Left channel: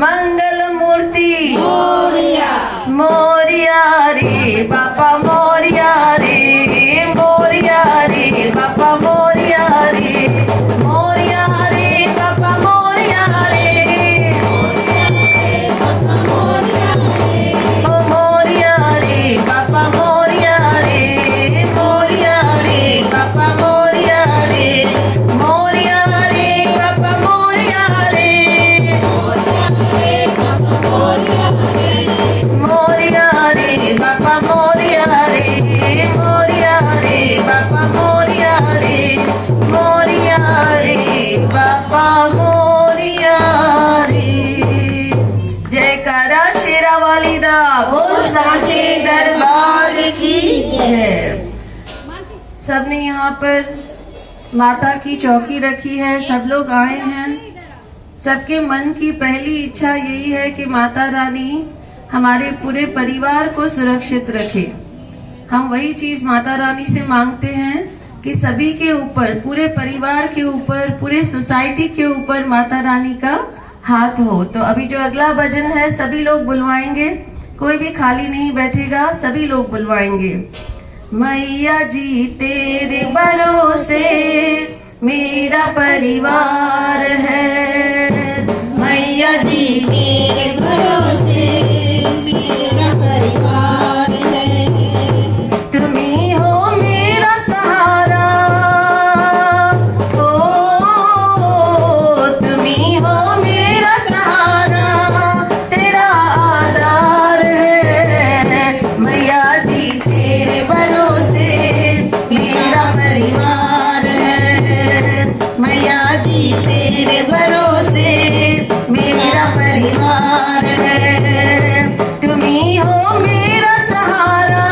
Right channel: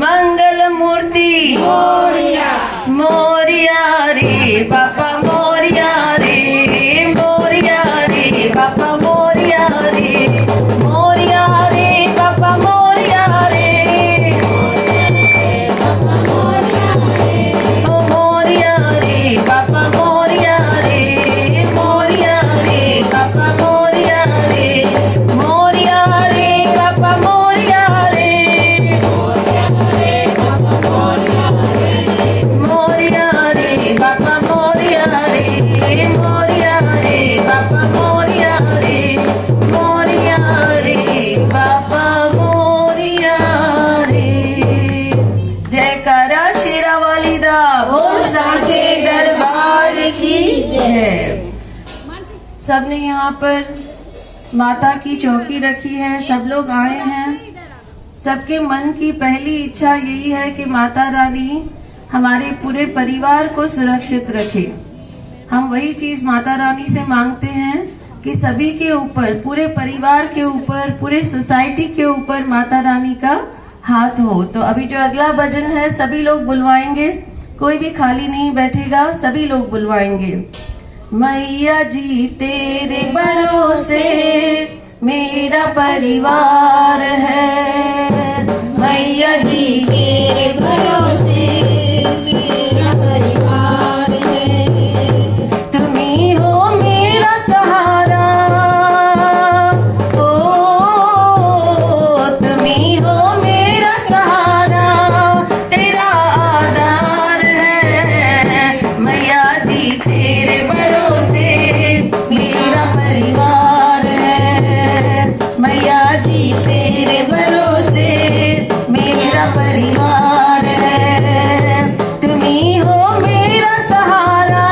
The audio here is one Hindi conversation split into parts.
मंगल मूर्ति मोरिया रे बापा मोरिया रे मोरिया रे बापा मोरिया रे मोरिया रे बापा मोरिया रे ओ मोरिया रे बापा मोरिया रे मोरिया रे मोरिया रे बापा मोरिया रे मोरिया रे बापा मोरिया रे। जयकारा शेरा वाली दा बोल साचे दरबार की जय। सबने यहाँ पर माता की चौकी रखी है, सब लोग आए हैं। सबके मन की पहली इच्छा यही है कि माता रानी हमारे पूरे परिवार को सुरक्षित रखे। हम वही चीज माता रानी से मांगते हैं कि सभी के ऊपर, पूरे परिवार के ऊपर, पूरे सोसाइटी के ऊपर माता रानी का हाथ हो। तो अभी जो अगला भजन है सभी लोग बुलवाएंगे, कोई भी खाली नहीं बैठेगा, सभी लोग बुलवाएंगे। मैया जी तेरे भरोसे मेरा परिवार है, मैया जी तेरे भरोसे मेरा परिवार है। तुम ही हो मेरा सहारा, ओ तुम ही हो मेरा सहारा, तेरा आधार है। मैया जी तेरे भरोसे मेरा परिवार है, मैया जी तेरे भरोसे मेरा परिवार है। तुम ही हो मेरा सहारा,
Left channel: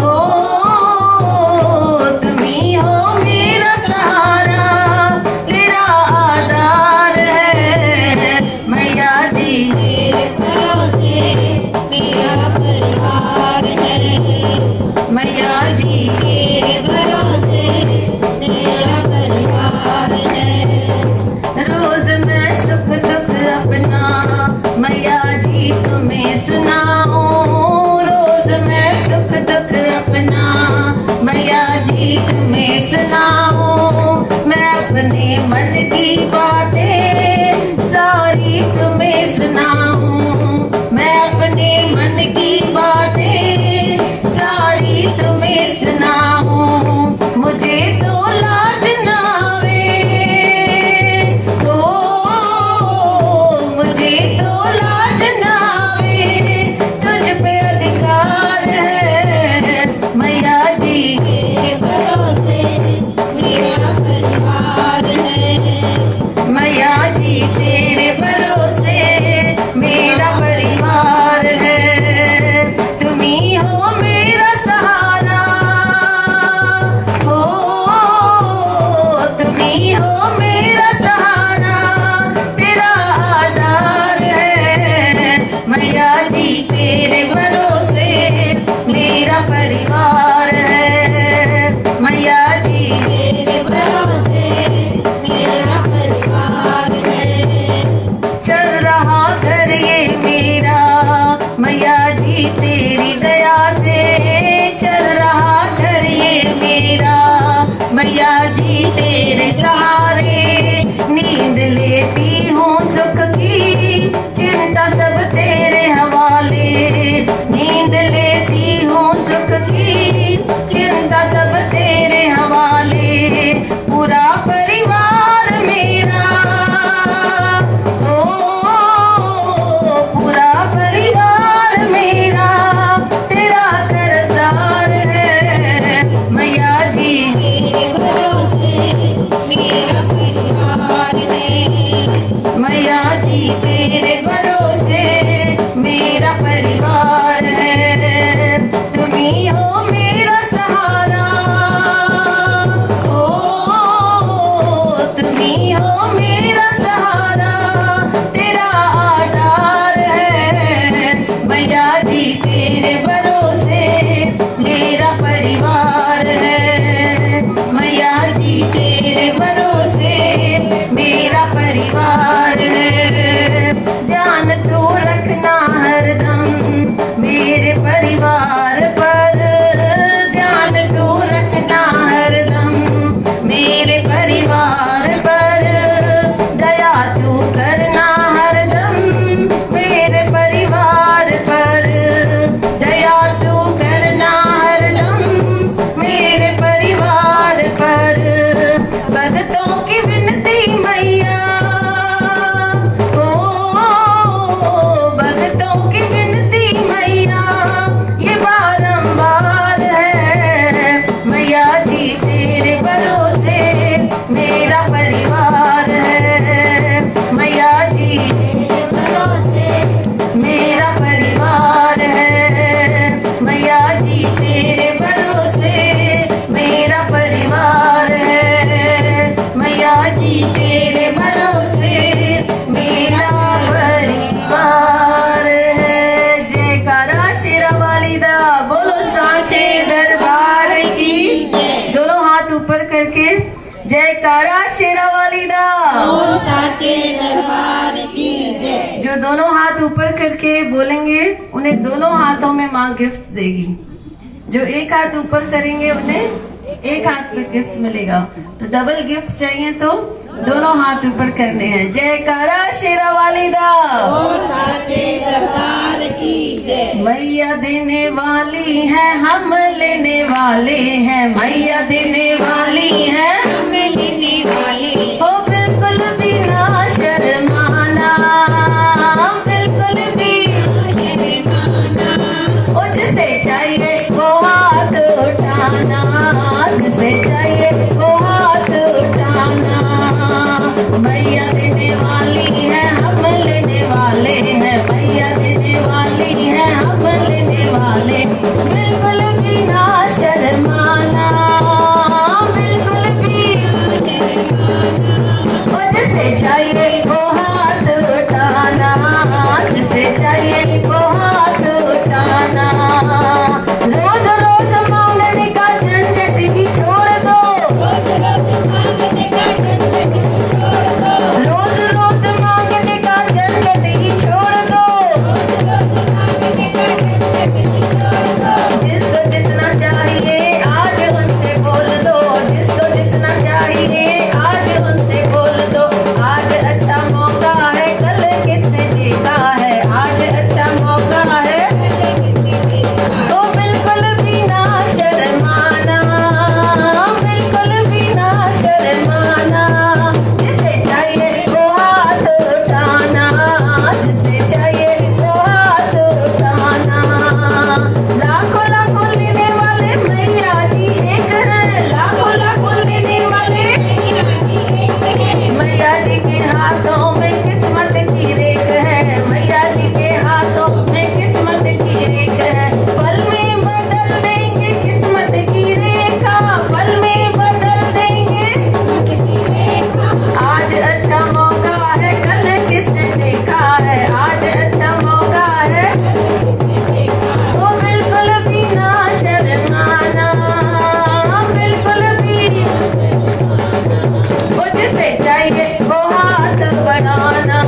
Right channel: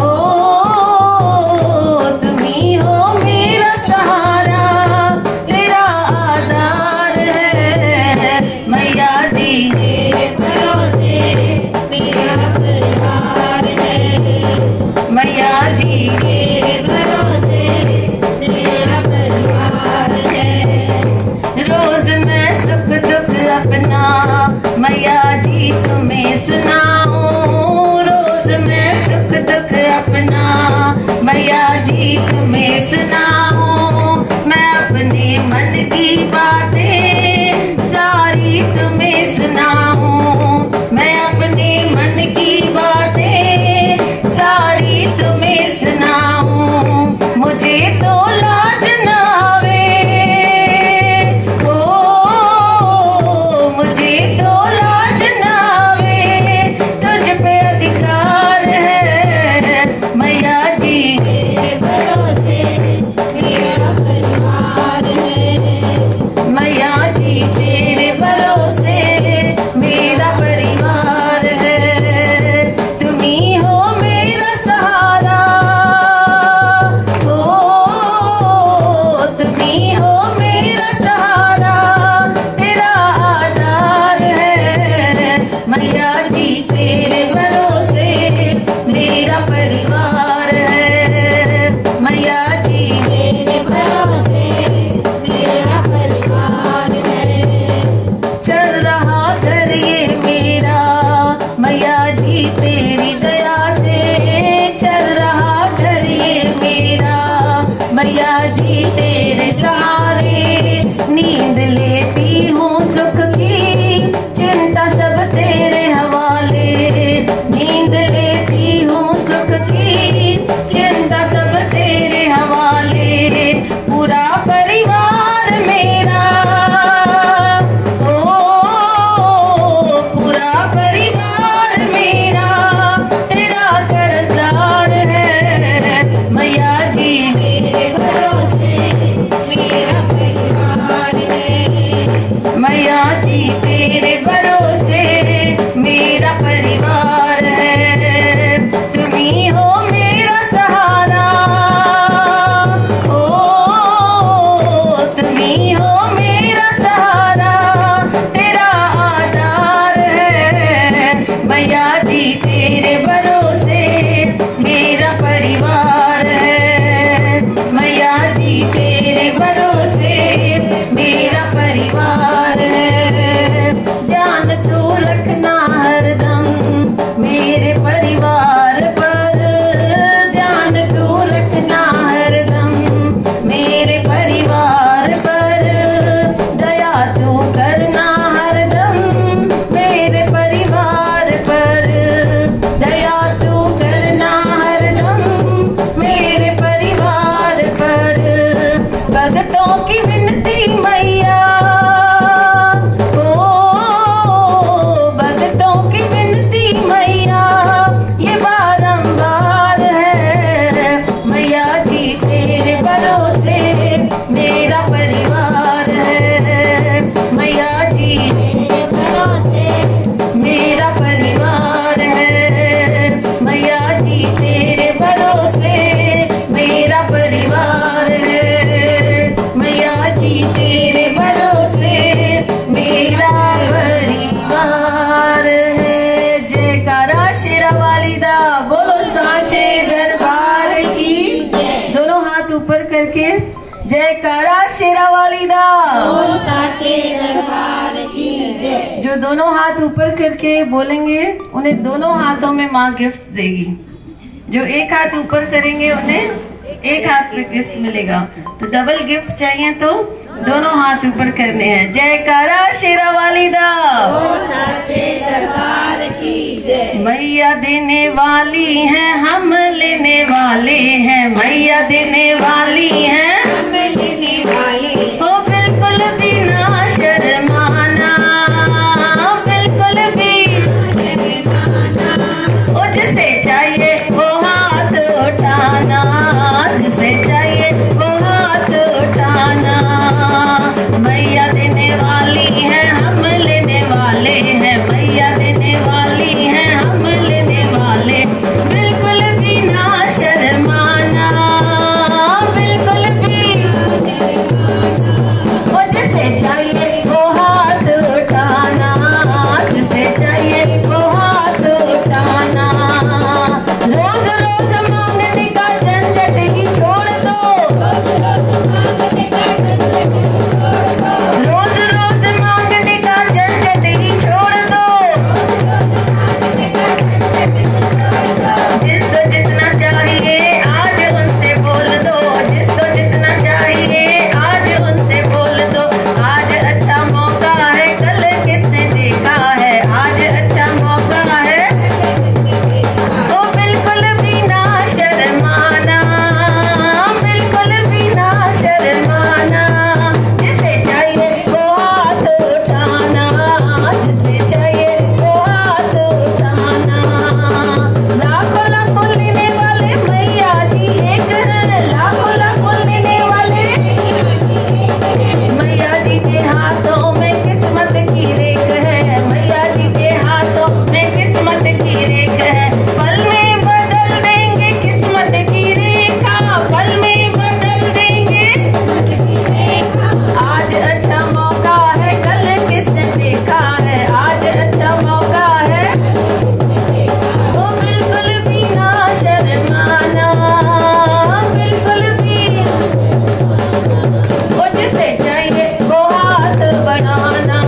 ओ तुम ही हो मेरा सहारा, तेरा आधार है। मैया जी तेरे भरोसे मेरा परिवार है, मैया जी तेरे भरोसे मेरा परिवार है। रोज मैं सुख दुख अपना मैया जी तुम्हें सुनाऊं, रोज मैं सुख दुख अपना मैया जी तुम्हें सुनाऊं। मैं अपने मन की बातें सारी तुम्हें सुनाऊं, मैं अपने मन की बातें सारी तुम्हें सुनाऊं। मुझे तो लाज ना आवे, मुझे तो लाज ना आवे, तुझ पे अधिकार है। मैया जी तेरे भरोसे मेरा परिवार है, मैया जी तेरे भरोसे मेरा परिवार है। तुम ही हो मेरा सहारा, ओ तुम ही हो मेरा सहारा, तेरा आधार है। मैया जी तेरे भरोसे मेरा परिवार है, मैया जी तेरे भरोसे मेरा परिवार है। चल रहा घर ये मेरा मैया जी तेरी दया से, चल रहा घर ये मेरा मैया जी तेरे सहारे। नींद लेती हूँ सुख की, चिंता सब तेरे हवाले, नींद लेती हूँ सुख की, चिंता सब तेरे हवाले। पूरा परिवार मेरा, ओ पूरा परिवार मेरा तेरा कर्जदार है। मैया जी तेरे भरोसे मेरा सांचे दरबार की। दोनों हाथ ऊपर करके जयकारा शेरा वाली दा। सांचे दरबार की। जो दोनों हाथ ऊपर करके बोलेंगे उन्हें दोनों हाथों में माँ गिफ्ट देगी। जो एक हाथ ऊपर करेंगे उन्हें एक हाथ में गिफ्ट मिलेगा। तो डबल गिफ्ट चाहिए तो दोनों हाथ ऊपर करने हैं। जयकारा शेरा वाली दा। सांचे दरबार की जय। मैया देने वाली है हम लेने वाले हैं। मैया देने वाली है हम लेने वाले। ओ बिल्कुल भी ना शर्माना, बिल्कुल भी शर्माना। ओ जिसे चाहिए वो हाथ उठाना, जिसे चाहिए वो हाथ उठाना। मैया देने वाली है हम लेने वाले हैं। मैया देने वाली है हम लेने वाले। बिल्कुल भी ना शर्माना, बिल्कुल भी। ओ जिसे चाहिए वो हाथ उठाना, जिसे चाहिए वो हाथ उठाना। रोज रोज मांगने का झंझट ही छोड़ दो, रोज रोज मांगने का झंझट ही छोड़ दो। जिसको जितना चाहिए आज उनसे बोल दो, जिसको जितना चाहिए आज उनसे बोल दो। आज अच्छा मौका है कल किसने देखा है, आज अच्छा मौका है। ओ बिल्कुल भी ना शर्माना, बिल्कुल भी ना शर्माना। जिसे चाहिए वो हाथ उठाना, जिसे चाहिए वो हाथ उठाना। लाखों लाखों लेने वाले मैया जी एक है। लाखों लाखों लेने वाले मैया जी के हाथों में किस्मत की रेख है। मैया जी के हाथों में किस्मत की रेख है। पल में बदल देंगे किस्मत की रेखा, पल में बदल देंगे। आज अच्छा मौका है कल किसने देखा है, आज अच्छा मौका है। ओ बिल्कुल भी ना शर्माना, बिल्कुल भी। ओ जिसे चाहिए वो हाथ बढ़ाना,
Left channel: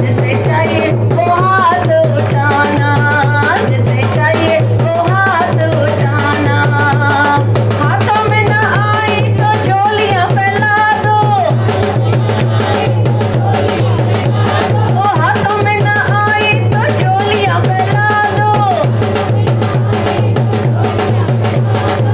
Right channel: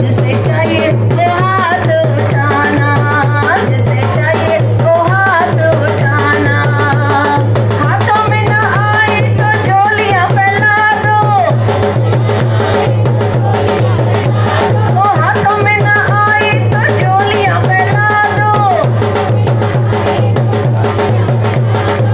जिसे चाहिए वो हाथ उठाना, जिसे चाहिए वो हाथ उठाना। हाथों में न आए तो झोलियां फैला दो, ओ हाथों में न आए तो झोलियां फैला दो।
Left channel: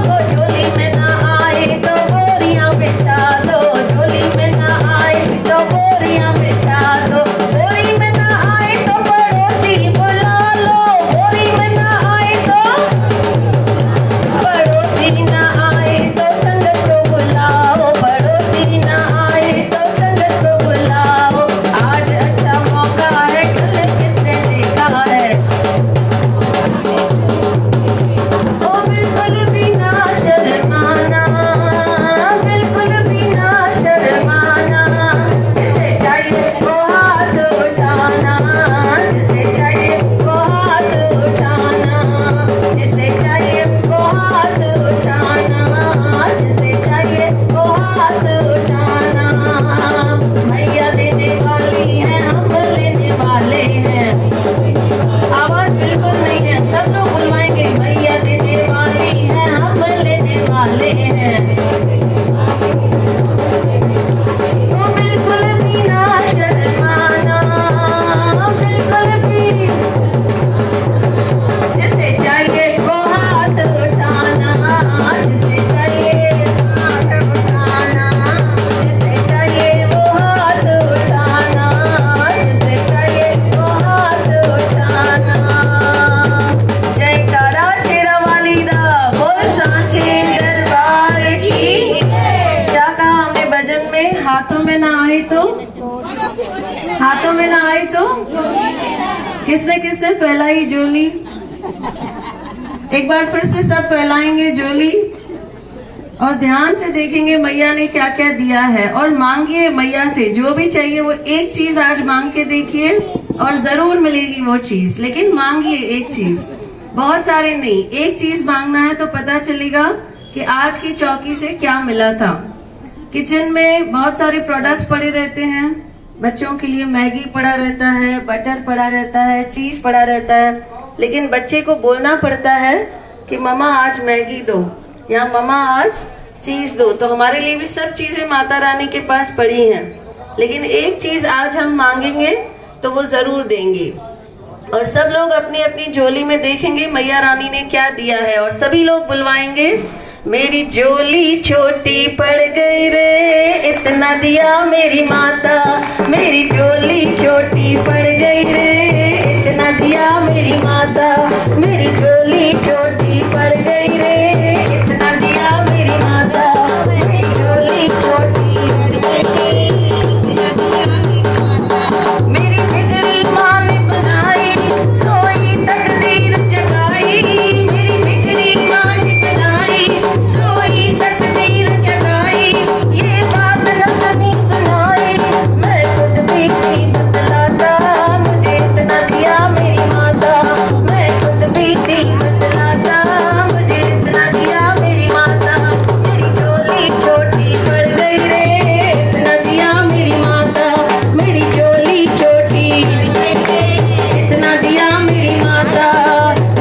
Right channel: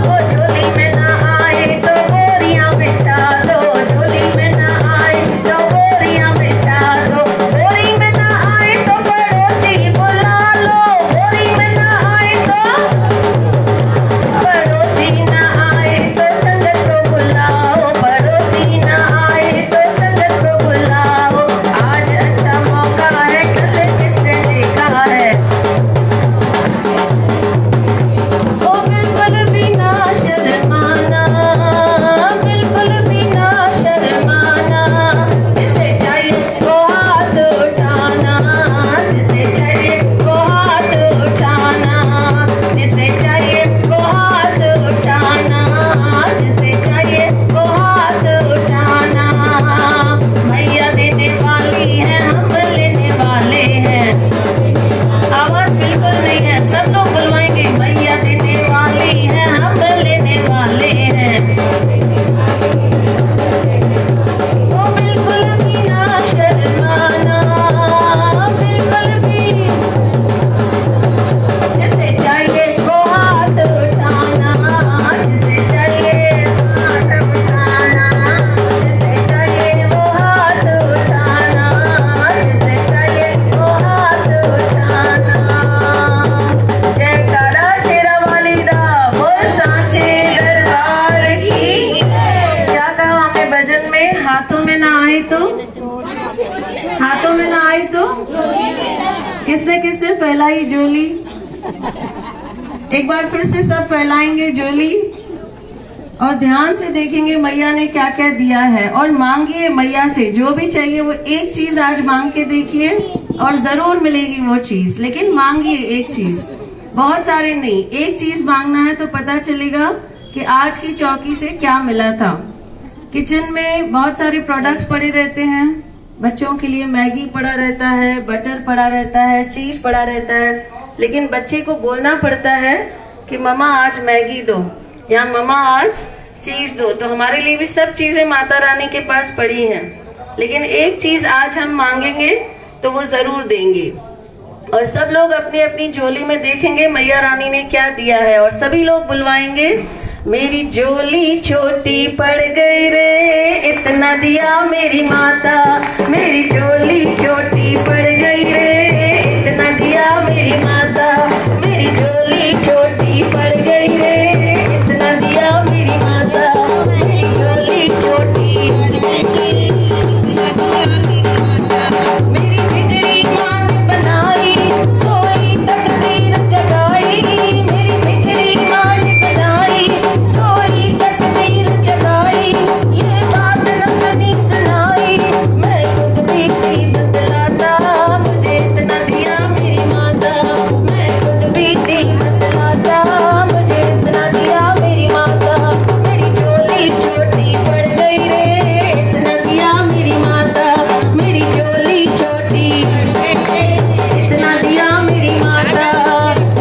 ओ झोली में न आए तो बोरियां बिछा दो, झोली में न आए तो बोरियां बिछा दो। बोरी में न आए तो पड़ोसी बुला लो, बोरी में न आए तो पड़ोसी न आए तो संगत को बुलाओ, पड़ोसी न आए तो संगत को बुलाओ। आज अच्छा मौका है कल किसने देखा है। ओ बिल्कुल भी ना शर्माना, बिल्कुल भी ना शर्माना। जिसे चाहिए वो हाथ उठाना, जिसे चाहिए वो हाथ उठाना, जिसे चाहिए वो हाथ उठाना, जिसे चाहिए वो हाथ उठाना। मैया देने वाली है हम लेने वाले हैं। आवाज बिल्कुल नहीं है, सब लोग बुलवाएंगे। मैया देने वाली है हम लेने वाले हैं। ओ बिल्कुल भी ना शर्माना, बिल्कुल भी। जिसे चाहिए वो हाथ उठाना, जिसे चाहिए वो हाथ उठाना, जिसे चाहिए वो हाथ उठाना, जिसे चाहिए वो हाथ उठाना। जयकारा शेरा वाली दा। बोल सांचे दरबार की। क्या कहा हमने भजन में? हाथों में ना आए तो, हाथों में ना आए तो किसने किसने फैलाई झोली? एक बार फिर से सब फैलाएंगे झोली और ध्यान से देखेंगे मैया ने क्या क्या दिया है। और मांगिए मैया से जो भी चाहिए वो एक चीज आज मांग के देखिए और जरूर मिलेगी वो चीज। लेकिन मांगिए एक चीज। बहुत सारे नहीं, एक चीज मांगना है तो पता चलेगा कि आज की चौकी से क्या मिला था। किचन में बहुत सारे प्रोडक्ट्स पड़े रहते हैं, बच्चों के लिए मैगी पड़ा रहता है, बटर पड़ा रहता है, चीज पड़ा रहता है, लेकिन बच्चे को बोलना पड़ता है कि मम्मा आज मैगी दो या मम्मा आज चीज दो। तो हमारे लिए भी सब चीजें माता रानी के पास पड़ी हैं, लेकिन एक चीज आज हम मांगेंगे तो वो जरूर देंगे। और सब लोग अपनी अपनी झोली में देखेंगे मैया रानी ने क्या दिया है, और सभी लोग बुलवाएंगे, मेरी झोली छोटी पड़ गई रे, इतना दिया मेरी माता। मेरी झोली छोटी पड़ गई रे, इतना दिया मेरी माता। मेरी झोली छोटी पड़ गई रे, इतना दिया मेरी माता। मेरी झोली छोटी पड़ गई, इतना दिया मेरी माता। मेरी बिगड़ी माँ ने बनाई, सोई तकदीर जगाई। मेरी बिगड़ी माँ ने बनाई, सोई तकदीर जगाई। ये बात न सुनी सुनाई, मैं खुद भी थी बतलाता, मुझे इतना दिया मेरी माता। मैं खुद भी थी बतलाता, मुझे इतना दिया मेरी माता। मेरी झोली छोटी पड़ गई रे, इतना दिया मेरी माता। मेरी झोली छोटी इतना दिया मेरी माता।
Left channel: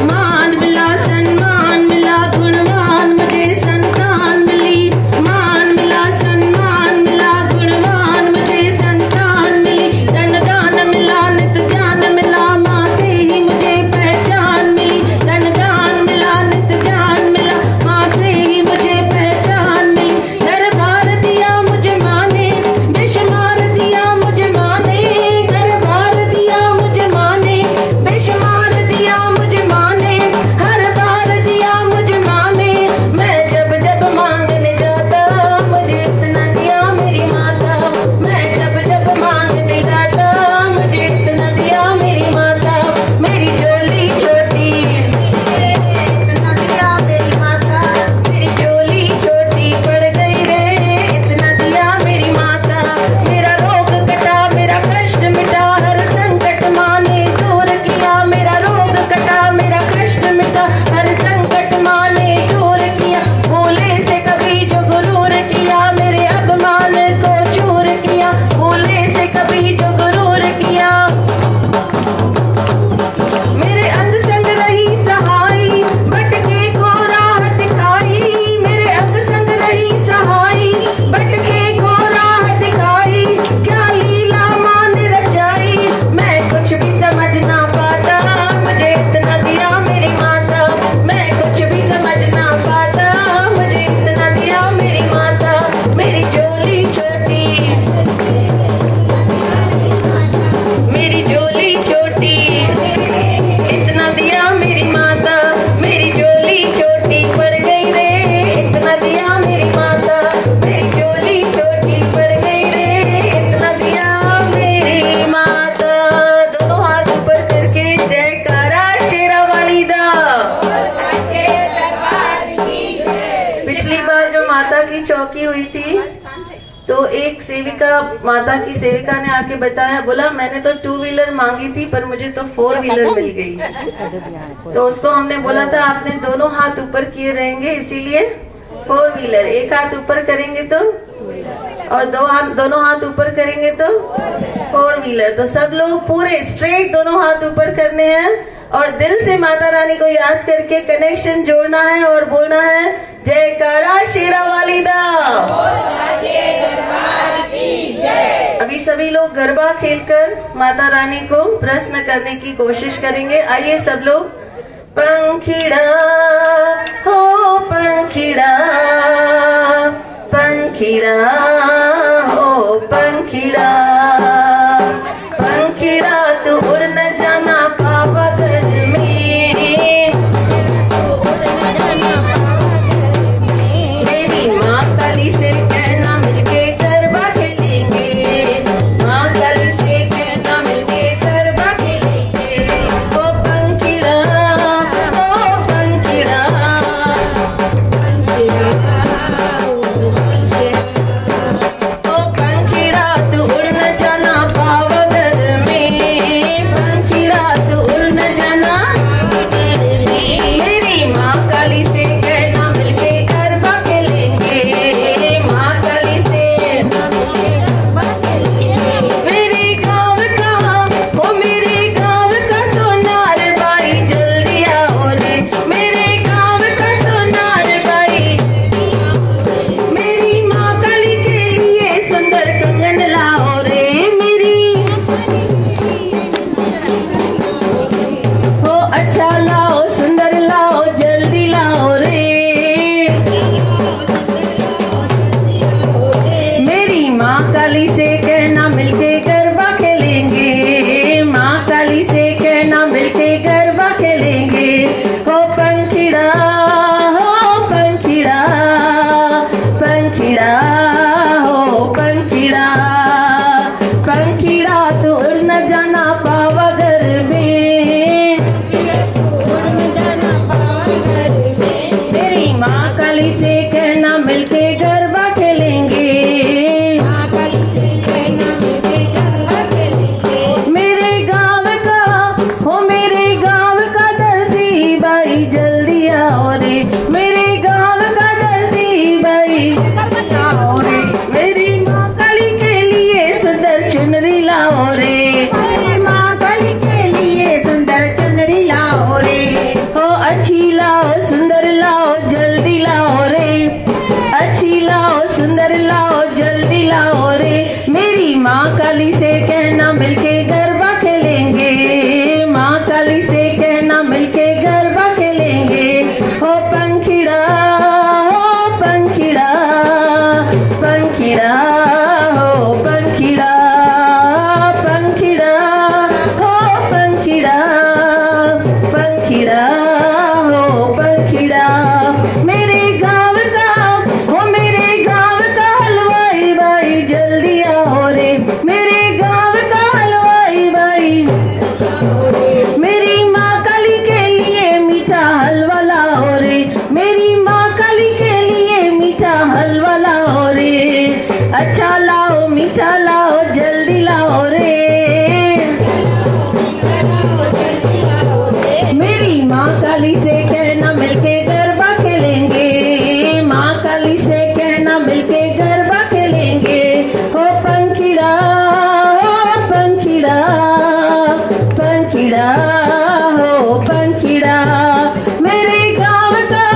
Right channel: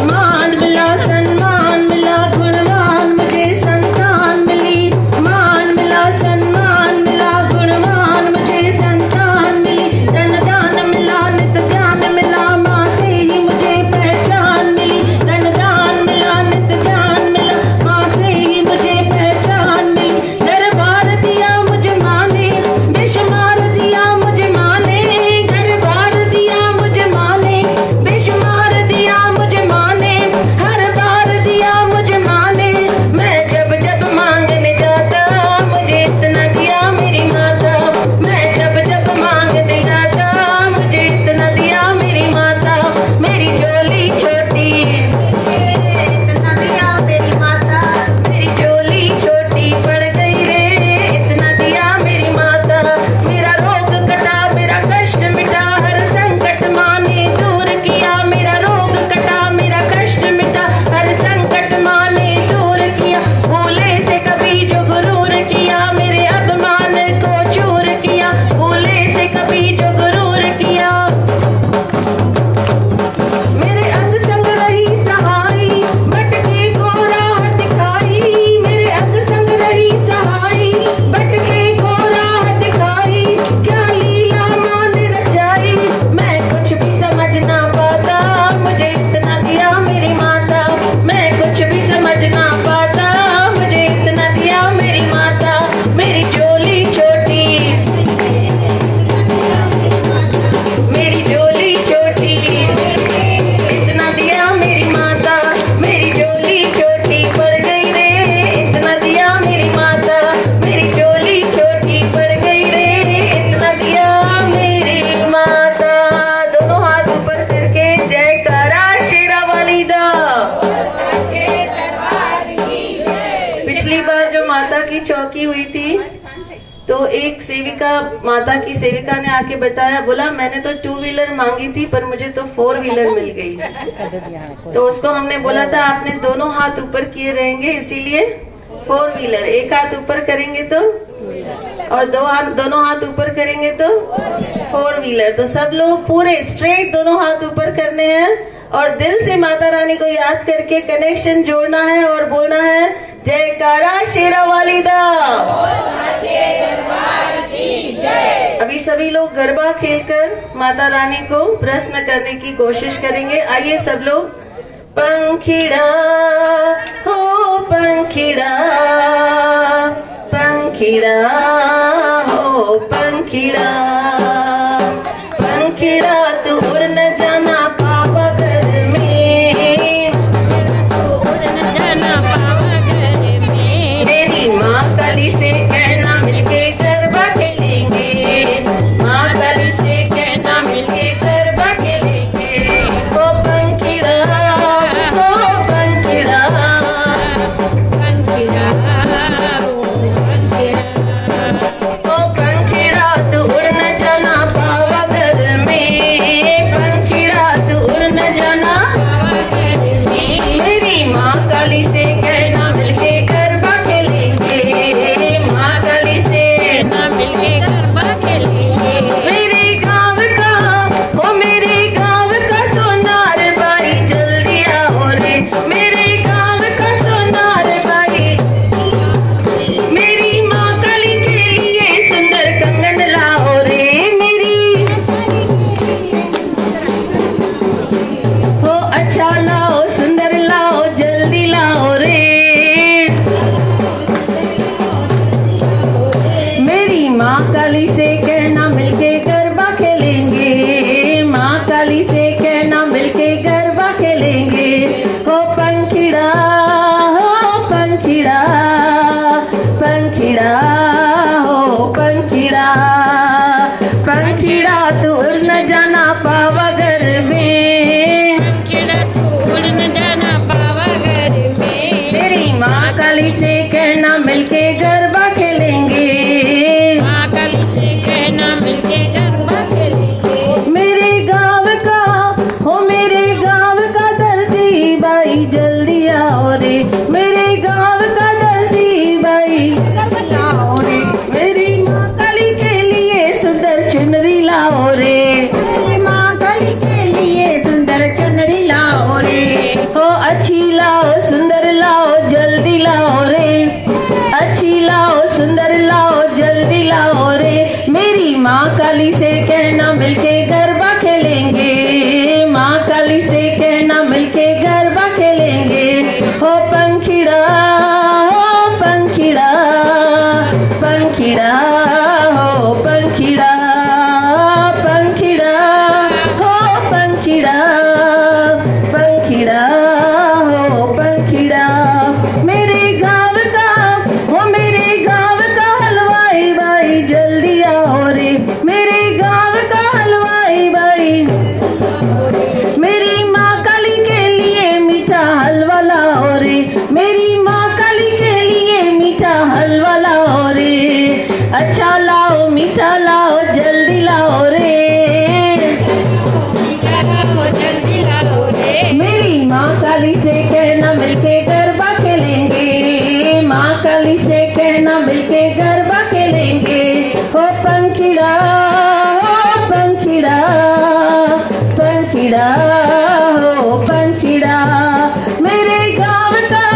मान मिला सम्मान मिला, गुणवान मुझे संतान मिली। मान मिला सम्मान मिला, गुणवान मुझे संतान मिली। धन दान मिला, नित ज्ञान मिला, माँ से ही मुझे पहचान मिली। धन दान मिला, नित ज्ञान मिला, माँ से ही मुझे पहचान मिली। दरबार दिया मुझे माँ ने, बेशुमार दिया मुझे माँ ने। दरबार दिया मुझे माँ ने, बेशुमार दिया मुझे माँ ने। हर बार दिया मुझे माँ ने, मैं जब जब मांगने जाता, मुझे इतना दिया मेरी माता। मैं जब जब मांगने जाता, मुझे इतना दिया मेरी माता। मेरी झोली छोटी इतना दिया मेरी माता। मेरी झोली छोटी पड़ गई रे, इतना दिया मेरी माता। मेरा रोग कटा, मेरा कष्ट मिटा, हर संकट माँ ने दूर किया। मेरा रोग कटा, मेरा कष्ट मिटा, हर संकट माँ ने दूर किया। भूले से कभी जो गुरूर किया, मेरे अभिमान को चूर किया। भूले से कभी जो गुरूर किया, मेरे अंग संग रही सहाई, भटके को राह दिखाई। मेरे अंग संग रही सहाई, भटके को राह दिखाई। क्या लीला माँ ने रचाई, मैं कुछ भी समझ ना पाता, मुझे इतना दिया मेरी माता। मैं कुछ भी समझ ना पाता, मुझे इतना दिया मेरी माता। मेरी झोली छोटी, मेरी झोली छोटी इतना दिया मेरी माता। मेरी झोली छोटी पड़ गई रे, इतना दिया मेरी माता। मेरी झोली छोटी पड़ गई रे, इतना दिया मेरी माता। दोनों हाथ ऊपर करके जयकारा शेरा वाली दा। पिछली बार जो माता की चौकी हुई थी, तो एक सेविका, माता की सेविका ने आके बताया, बोला मैंने तो 2 व्हीलर मांगी थी पर मुझे तो 4 व्हीलर मिल गई। तो उसको हमने बोला था आपने दोनों हाथ ऊपर किए रहेंगे, इसीलिए 4 व्हीलर। एक हाथ ऊपर करेंगे तो, और दोनों हाथ ऊपर करेंगे तो 4 व्हीलर। तो सब लोग पूरे स्ट्रेट दोनों हाथ ऊपर करने हैं और दिल से माता रानी को याद करके कनेक्शन जोड़ना है और बोलना है, जयकारा शेरा वाली दा। अभी सभी लोग गरबा खेलकर माता रानी को प्रश्न करने की कोशिश करेंगे। आइए सब लोग। पंखिड़ा हो पंखिड़ा, पंखिड़ा हो पंखिड़ा, पंखिड़ा तू उड़ न जाना पावा घर में, उड़ न जाना पावा घर में। मेरी माँ काली से कहना मिलके गरबा खेलेंगे, माँ काली से कहना मिलके गरबा खेलेंगे। ओ पंखिड़ा हो पंखिड़ा, पंखिड़ा हो पंखिड़ा। मेरे गाँव का दर्जी भाई लाओ रे, मेरी माँ काली के लिए सुंदर चुनरी लाओ रे, मेरी माँ काली के लिए सुंदर चुनरी लाओ रे, हो अच्छी लाओ सुंदर लाओ जल्दी लाओ रे, अच्छी लाओ सुंदर लाओ जल्दी लाओ रे, मेरी माँ काली से कहना मिलके गरबा खेलेंगे, माँ काली से कहना मिलके गरबा खेलेंगे, हो पंखीड़ा पंखीड़ा पंखीड़ा हो पंखीड़ा पंखीड़ा हो पंखीड़ा पंखीड़ा हो पंखीड़ा, मेरे गाँव का हो मेरे गाँव का हलवाई भाई जल्दी आओ रे, मेरे गाँव का हलवाई भाई, मेरी माँ काली के लिए मीठा हलवा लाओ रे, मेरी माँ काली के लिए मीठा हलवा लाओ रे, अच्छा लाओ मीठा लाओ जल्दी लाओ रे, मीठा लाओ जल्दी लाओ रे, मेरी माँ काली से कहना मिलके गरबा खेलेंगे, माँ काली से कहना मिलके गरबा खेलेंगे, हो पंखीड़ा पंखीड़ा पंखीड़ा हो पंखीड़ा, मेरे गाँव का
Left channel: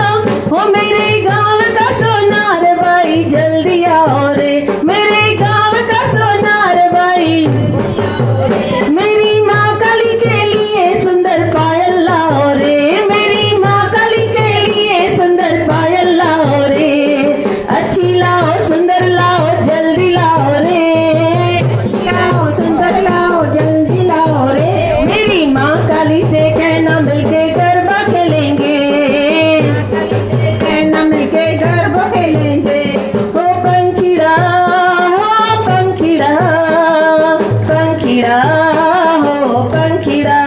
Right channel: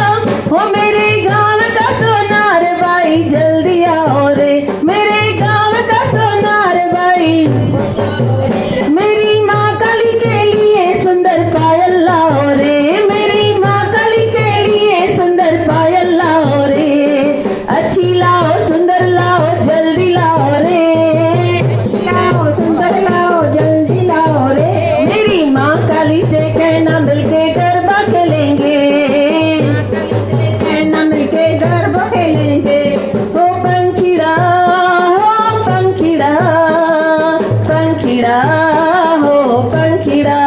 हो मेरे गाँव का सोनार भाई जल्दी आओ रे, मेरे गाँव का सोनार भाई, मेरी माँ काली के लिए सुंदर पायल लाओ रे, मेरी माँ काली के लिए सुंदर पायल लाओ रे, अच्छी लाओ सुंदर लाओ जल्दी लाओ रे, लाओ सुंदर लाओ जल्दी लाओ रे, मेरी माँ काली से कहना मिलके गरबा खेलेंगे, कहना मिलके गरबा खेलेंगे, हो पंखीड़ा पंखीड़ा पंखीड़ा हो पंखीड़ा,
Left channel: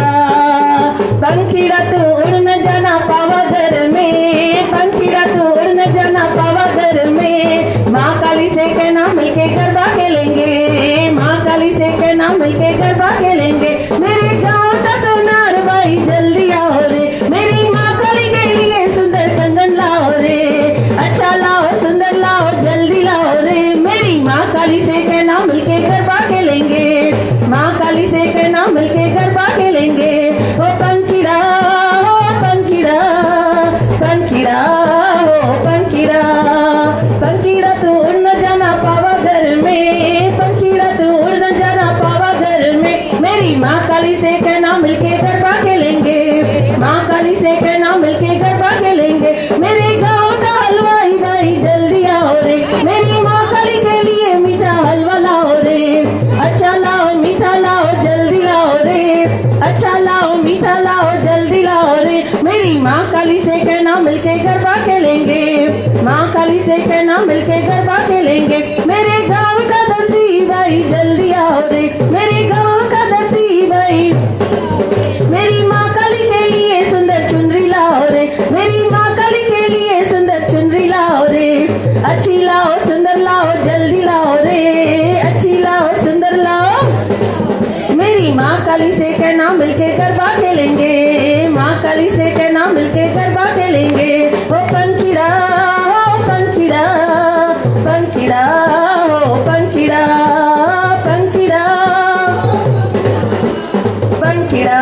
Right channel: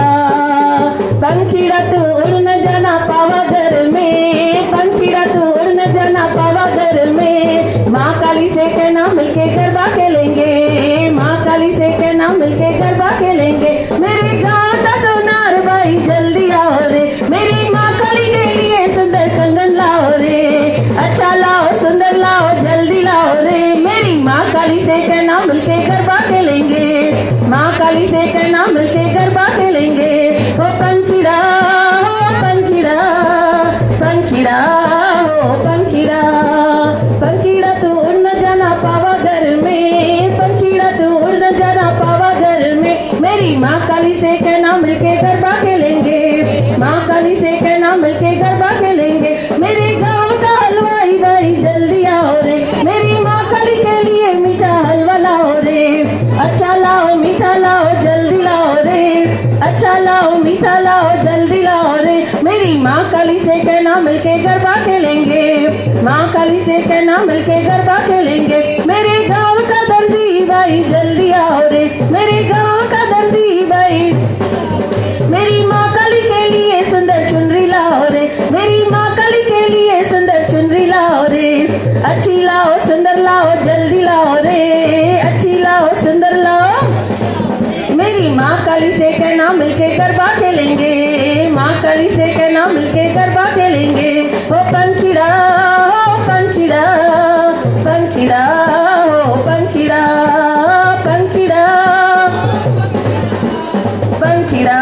पंखीड़ा तू उड़ न जाना पावा घर में, पंखीड़ा तू उड़ न जाना पावा घर में, माँ काली से कहना मिलके गरबा खेलेंगे, माँ काली से कहना मिलके गरबा खेलेंगे, मेरे गाँव का सोनार भाई जल्दी आओ रे, मेरी माँ काली के लिए सुंदर कंगन लाओ रे, अच्छा लाओ सुंदर लाओ जल्दी लाओ रे, मेरी माँ काली से कहना मिलके गरबा खेलेंगे, माँ काली से कहना मिलके गरबा खेलेंगे, हो पंखीड़ा पंखीड़ा पंखीड़ा हो पंखीड़ा, पंखीड़ा तू उड़ न जाना पावा घर में, पंखीड़ा तू उड़ न जाना पावा घर में, मेरी माँ काली से कहना मिलके गरबा खेलेंगे, माँ काली से कहना मिलके गरबा खेलेंगे, मेरे गाँव का हलवाई भाई जल्दी आओ रे, मेरी माँ काली के लिए मीठा हलवा लाओ रे, अच्छा लाओ मीठा लाओ जल्दी लाओ रे, अच्छा लाओ मीठा लाओ जल्दी लाओ रे, मेरी माँ काली से कहना मिलके गरबा खेलेंगे, माँ काली से कहना मिलके गरबा खेलेंगे, मेरे गाँव का दर्जी भाई जल्दी आओ रे, मेरे गाँव का दर्जी भाई, मेरी माँ काली के लिए सुंदर चुनरी लाओ रे, मेरी माँ काली के लिए सुंदर चुनरी लाओ रे, अच्छी लाओ सुंदर लाओ जल्दी लाओ रे, अच्छी लाओ सुंदर लाओ, मेरी माँ काली से कहना मिलके गरबा खेलेंगे, माँ काली से कहना मिलके गरबा खेलेंगे, हो पंखीड़ा पंखीड़ा पंखीड़ा हो पंखीड़ा पंखीड़ा पंखीड़ा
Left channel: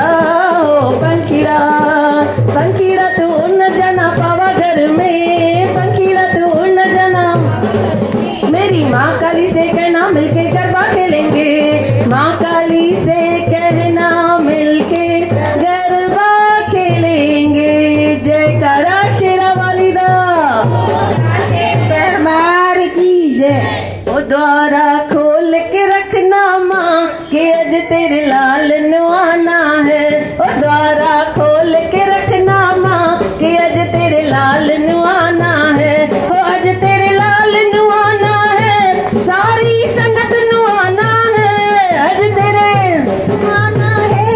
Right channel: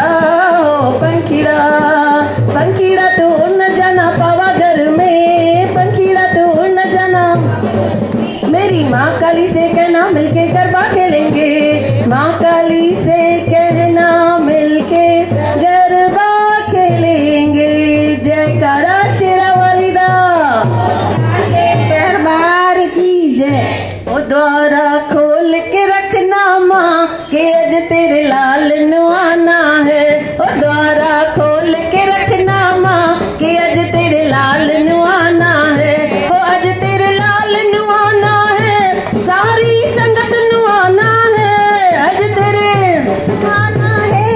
हो पंखीड़ा, पंखीड़ा तू उड़ न जाना पावा घर में, पंखीड़ा तू उड़ न जाना, मेरी माँ काली से कहना मिलके गरबा खेलेंगे, माँ काली से कहना मिलके गरबा खेलेंगे, जयकारा शेरा वाली दा दरबार की जय, ओ द्वारा खोल के रखना माँ के अज तेरे लाल नुआना है, ओ द्वारा खोल के रखना माँ के अज तेरे लाल नुआना है, ओ अज तेरे लाल नुआना है, सारी संगत नुआना है, अज तेरे आना है,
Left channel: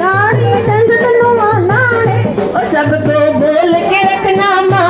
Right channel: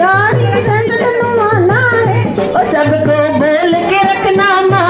सारी संगत नुआना है, ओ सबको बोल के रखना माँ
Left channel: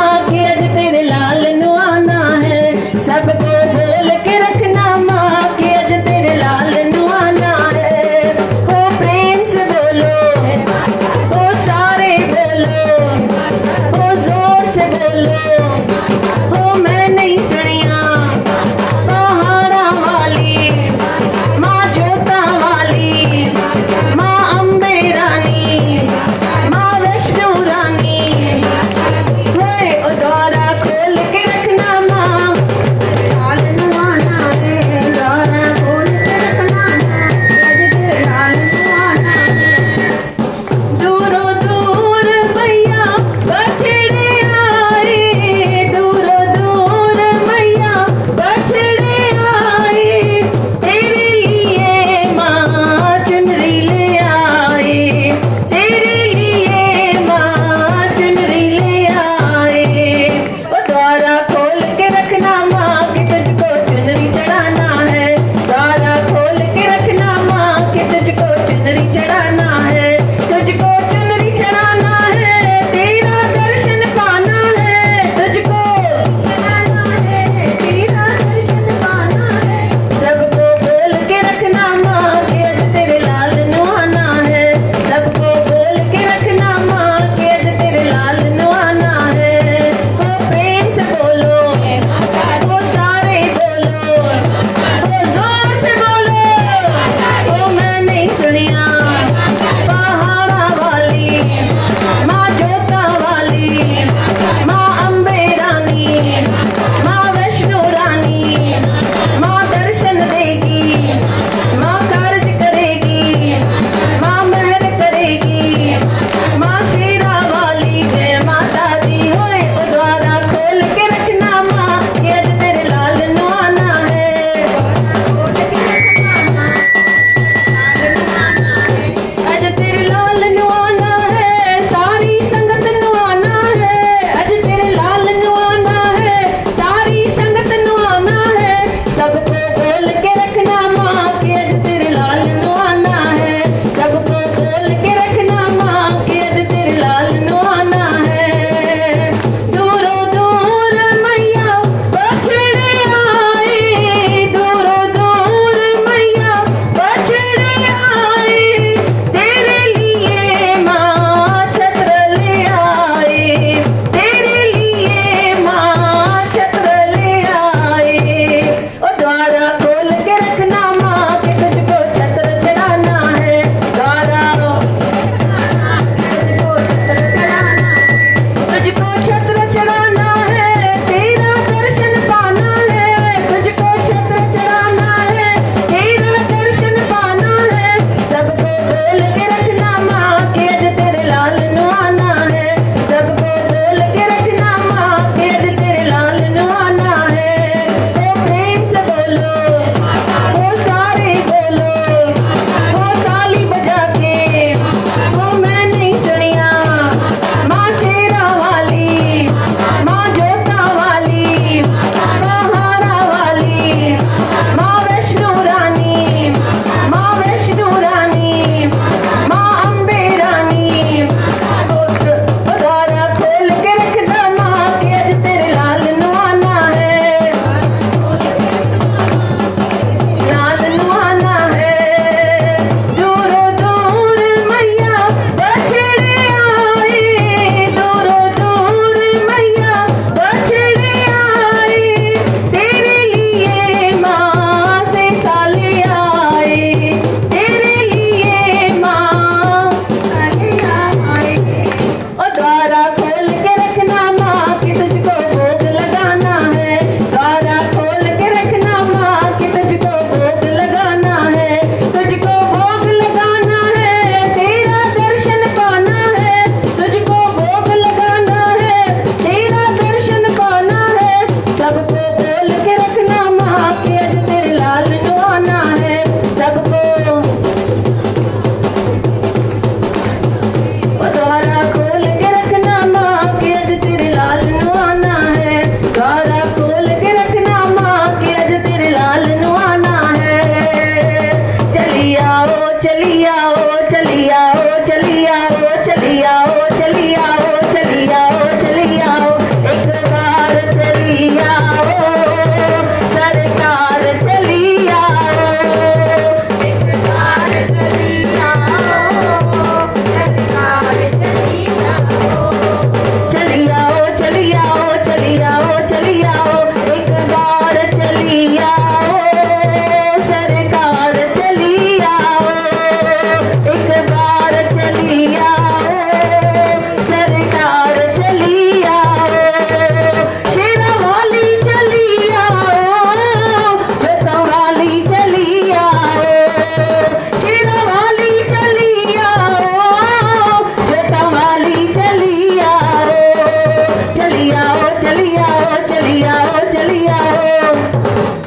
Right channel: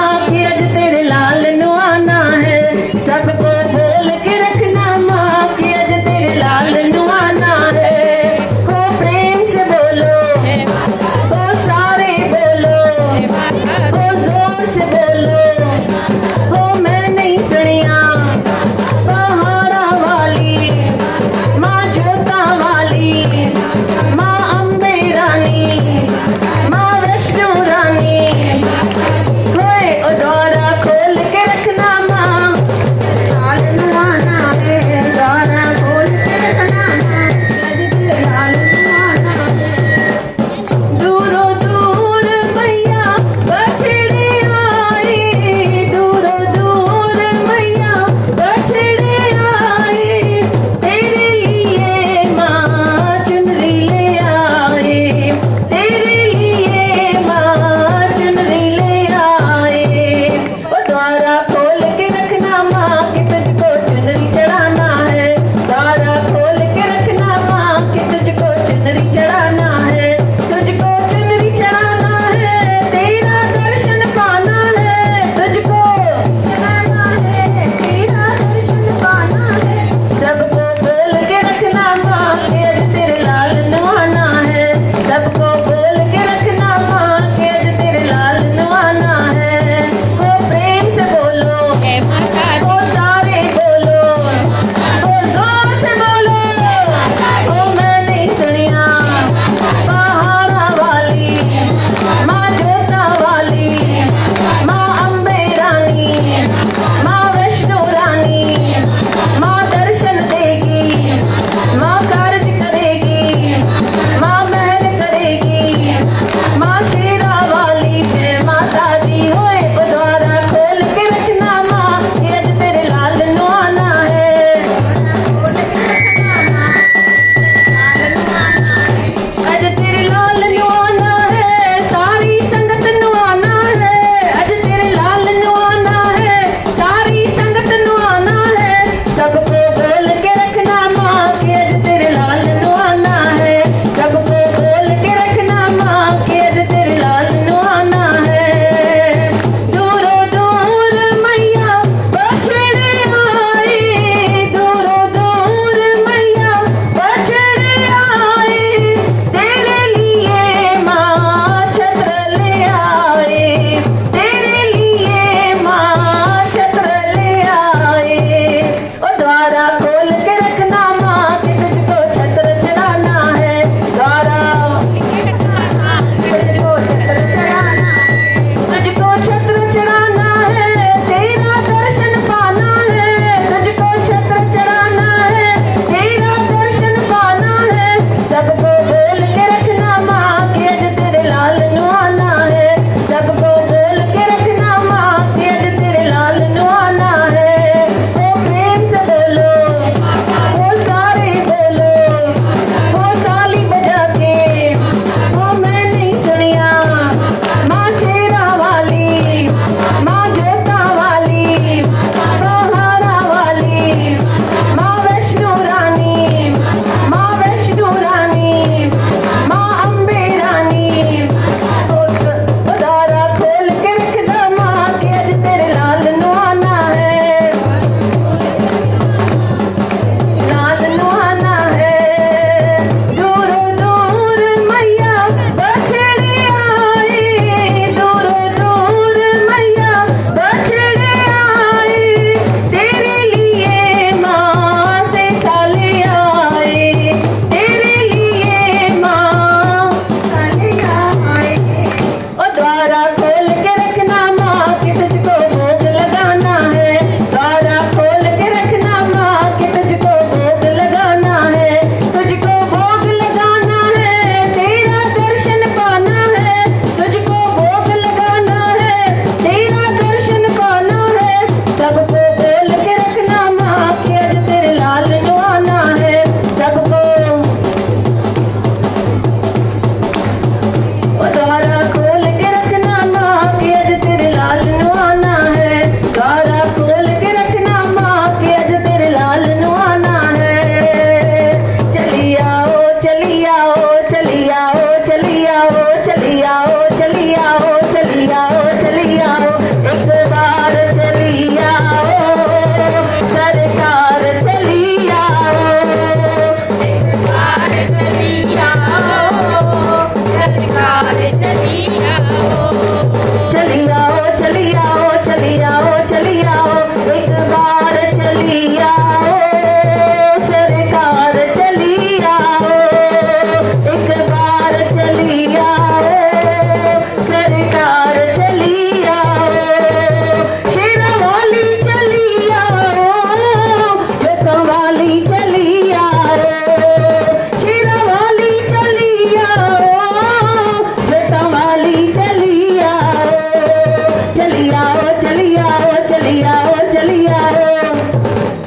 चली आओ चली आओ चली आओ चली आओ।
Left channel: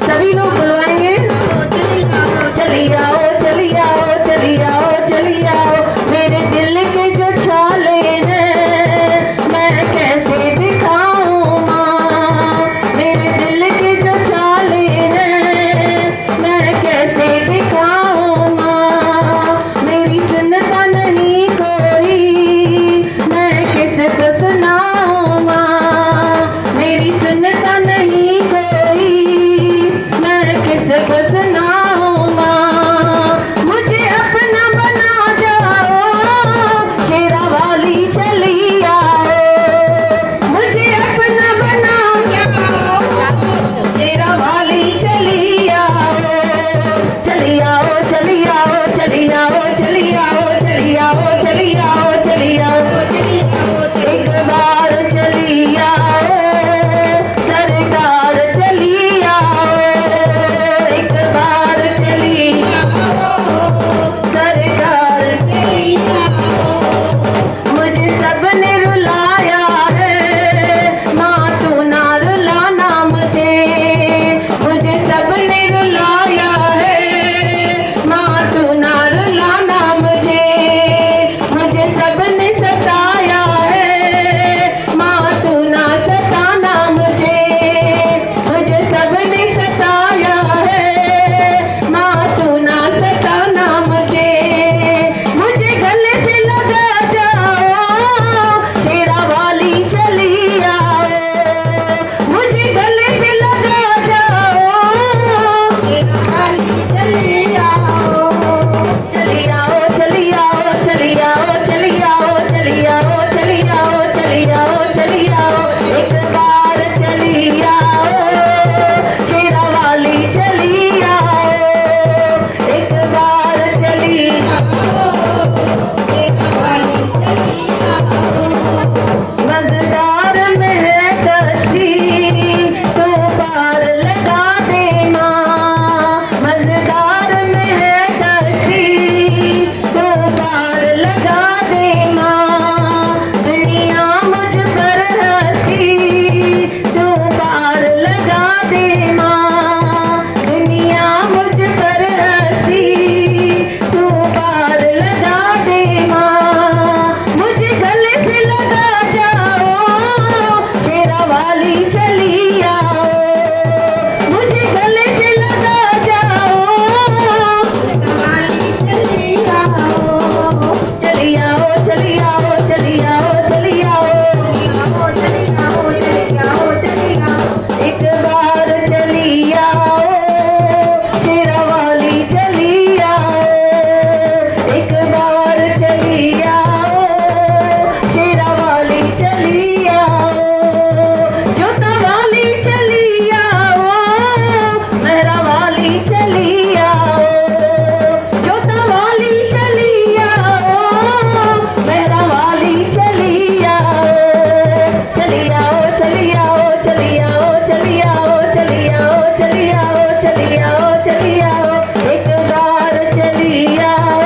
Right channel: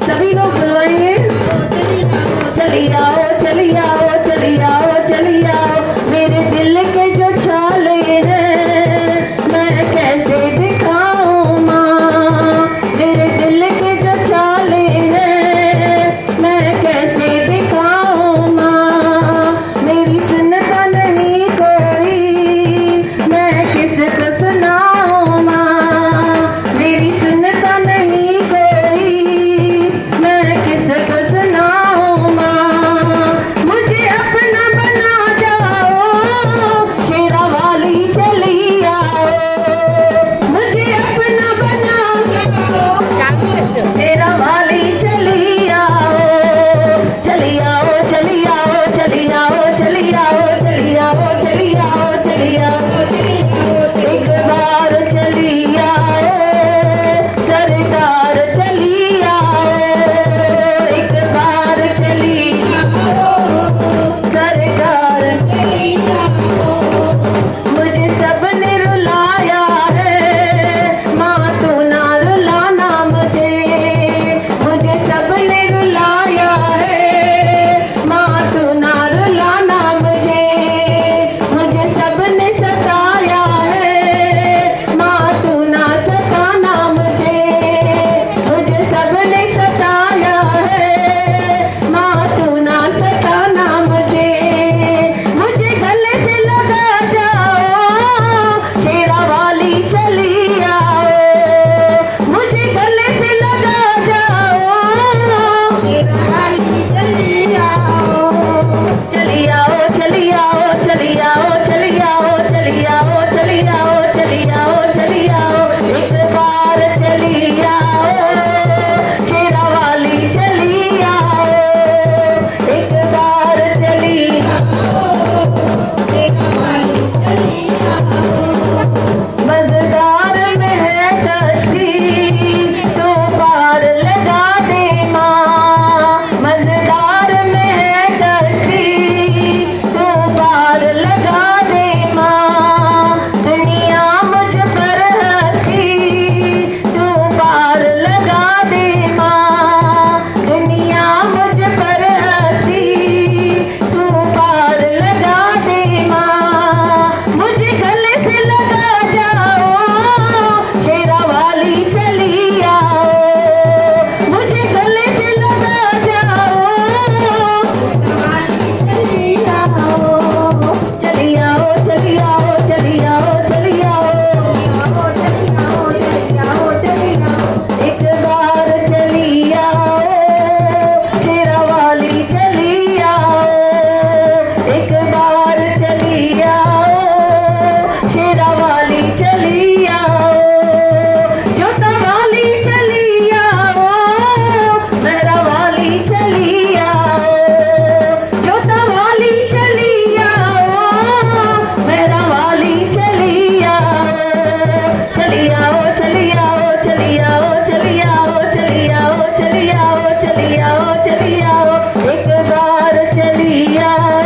सभी लोग बुलवाएंगे चली आओ चली आओ चली आओ चली आओ। मेरे दिल के जो छाले हैं मैं कैसे दिखाऊं माँ, मेरे दिल के जो छाले हैं मैं कैसे दिखाऊं माँ। मेरी सुनता नहीं कोई मैं किसको सुनाऊं माँ, मेरी सुनता नहीं कोई मैं किसको सुनाऊं माँ। मुझे अपना बना जाओ शेरा वाली चली आओ, मुझे अपना बना जाओ शेरा वाली चली आओ। चली आओ चली आओ चली आओ चली आओ चली आओ चली आओ चली आओ चली आओ। एक बार चली आओ सरकार चली आओ, एक बार चली आओ सरकार चली आओ। मुझे सबने रुलाया है माँ तू ना रुलाना मुझे, मुझे सबने रुलाया है माँ तू ना रुलाना मुझे। मुझे सबने सताया है माँ तू ना सताना मुझे, मुझे सबने सताया है माँ तू ना सताना मुझे। मुझे गले से लगा जाओ शेरा वाली चली आओ, मुझे गले से लगा जाओ शेरा वाली चली आओ। चली आओ चली आओ चली आओ चली आओ चली आओ चली आओ चली आओ चली आओ। एक बार चली आओ शेरा वाली चली आओ, एक बार चली आओ शेरा वाली चली आओ। मजेदार में है कश्ती तो पार लगा दे माँ, मजेदार में है कश्ती तो पार लगा दे माँ। दुनिया मुझ पर हंसी तो पार लगा दे माँ, दुनिया मुझ पर हंसी तो पार लगा दे माँ। मुझे गले से लगा जाओ शेरा वाली चली आओ, मुझे गले से लगा जाओ शेरा वाली चली आओ। चली आओ चली आओ चली आओ चली आओ चली आओ चली आओ चली आओ। एक बार चली आओ शेरा वाली चली आओ, एक बार चली आओ शेरा वाली चली आओ। जोता वाली चली आओ मेहरा वाली चली आओ, जोता वाली चली आओ मेहरा वाली चली आओ। चली आओ चली आओ चली आओ चली आओ चली आओ चली आओ चली आओ चली आओ। एक बार चली आओ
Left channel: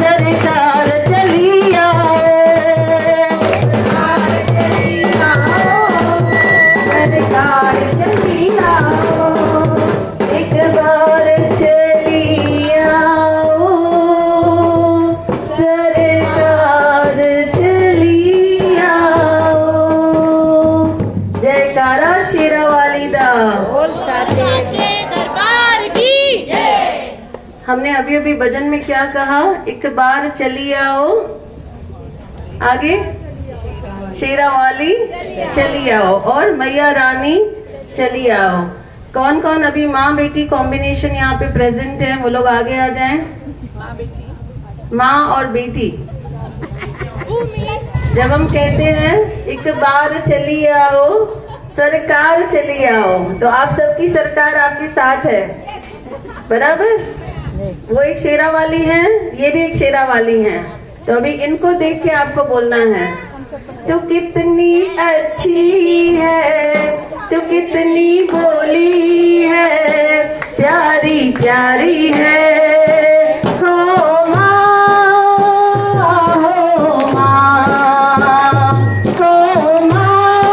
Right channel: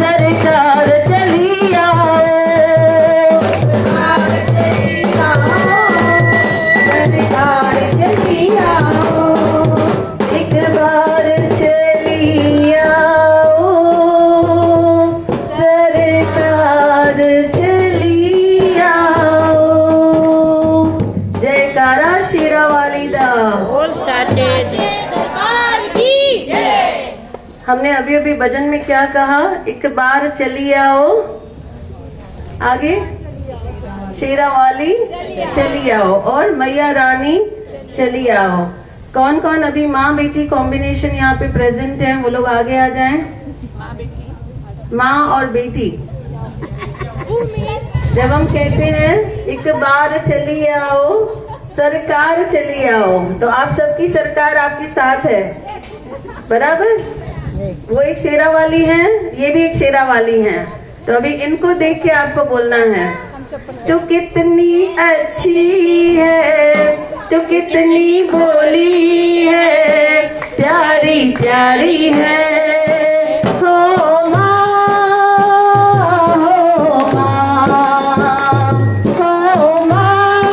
सरकार चली आओ, एक बार चली आओ सरकार चली आओ, एक बार चली आओ सरकार चली आओ। जयकारा शेरा वाली दा। दरबार की जय। हमने अभी अभी भजन में क्या कहा, एक बार चली आओ, आगे शेरा वाली चली आओ और मैया रानी चली आओ। कौन कौन अभी माँ बेटी कॉम्बिनेशन यहाँ पे प्रेजेंट है, वो लोग आगे आ जाएं। माँ और बेटी जब हम कहते हैं एक बार चली आओ सरकार चली आओ, तो आप सबकी सरकार आपके साथ है, बराबर। वो एक शेरा वाली है, ये भी एक शेरा वाली है। तो अभी इनको देख के आपको बोलना है, तू कितनी अच्छी है, तू कितनी भोली है, प्यारी प्यारी है, हो माँ, हो माँ, हो माँ,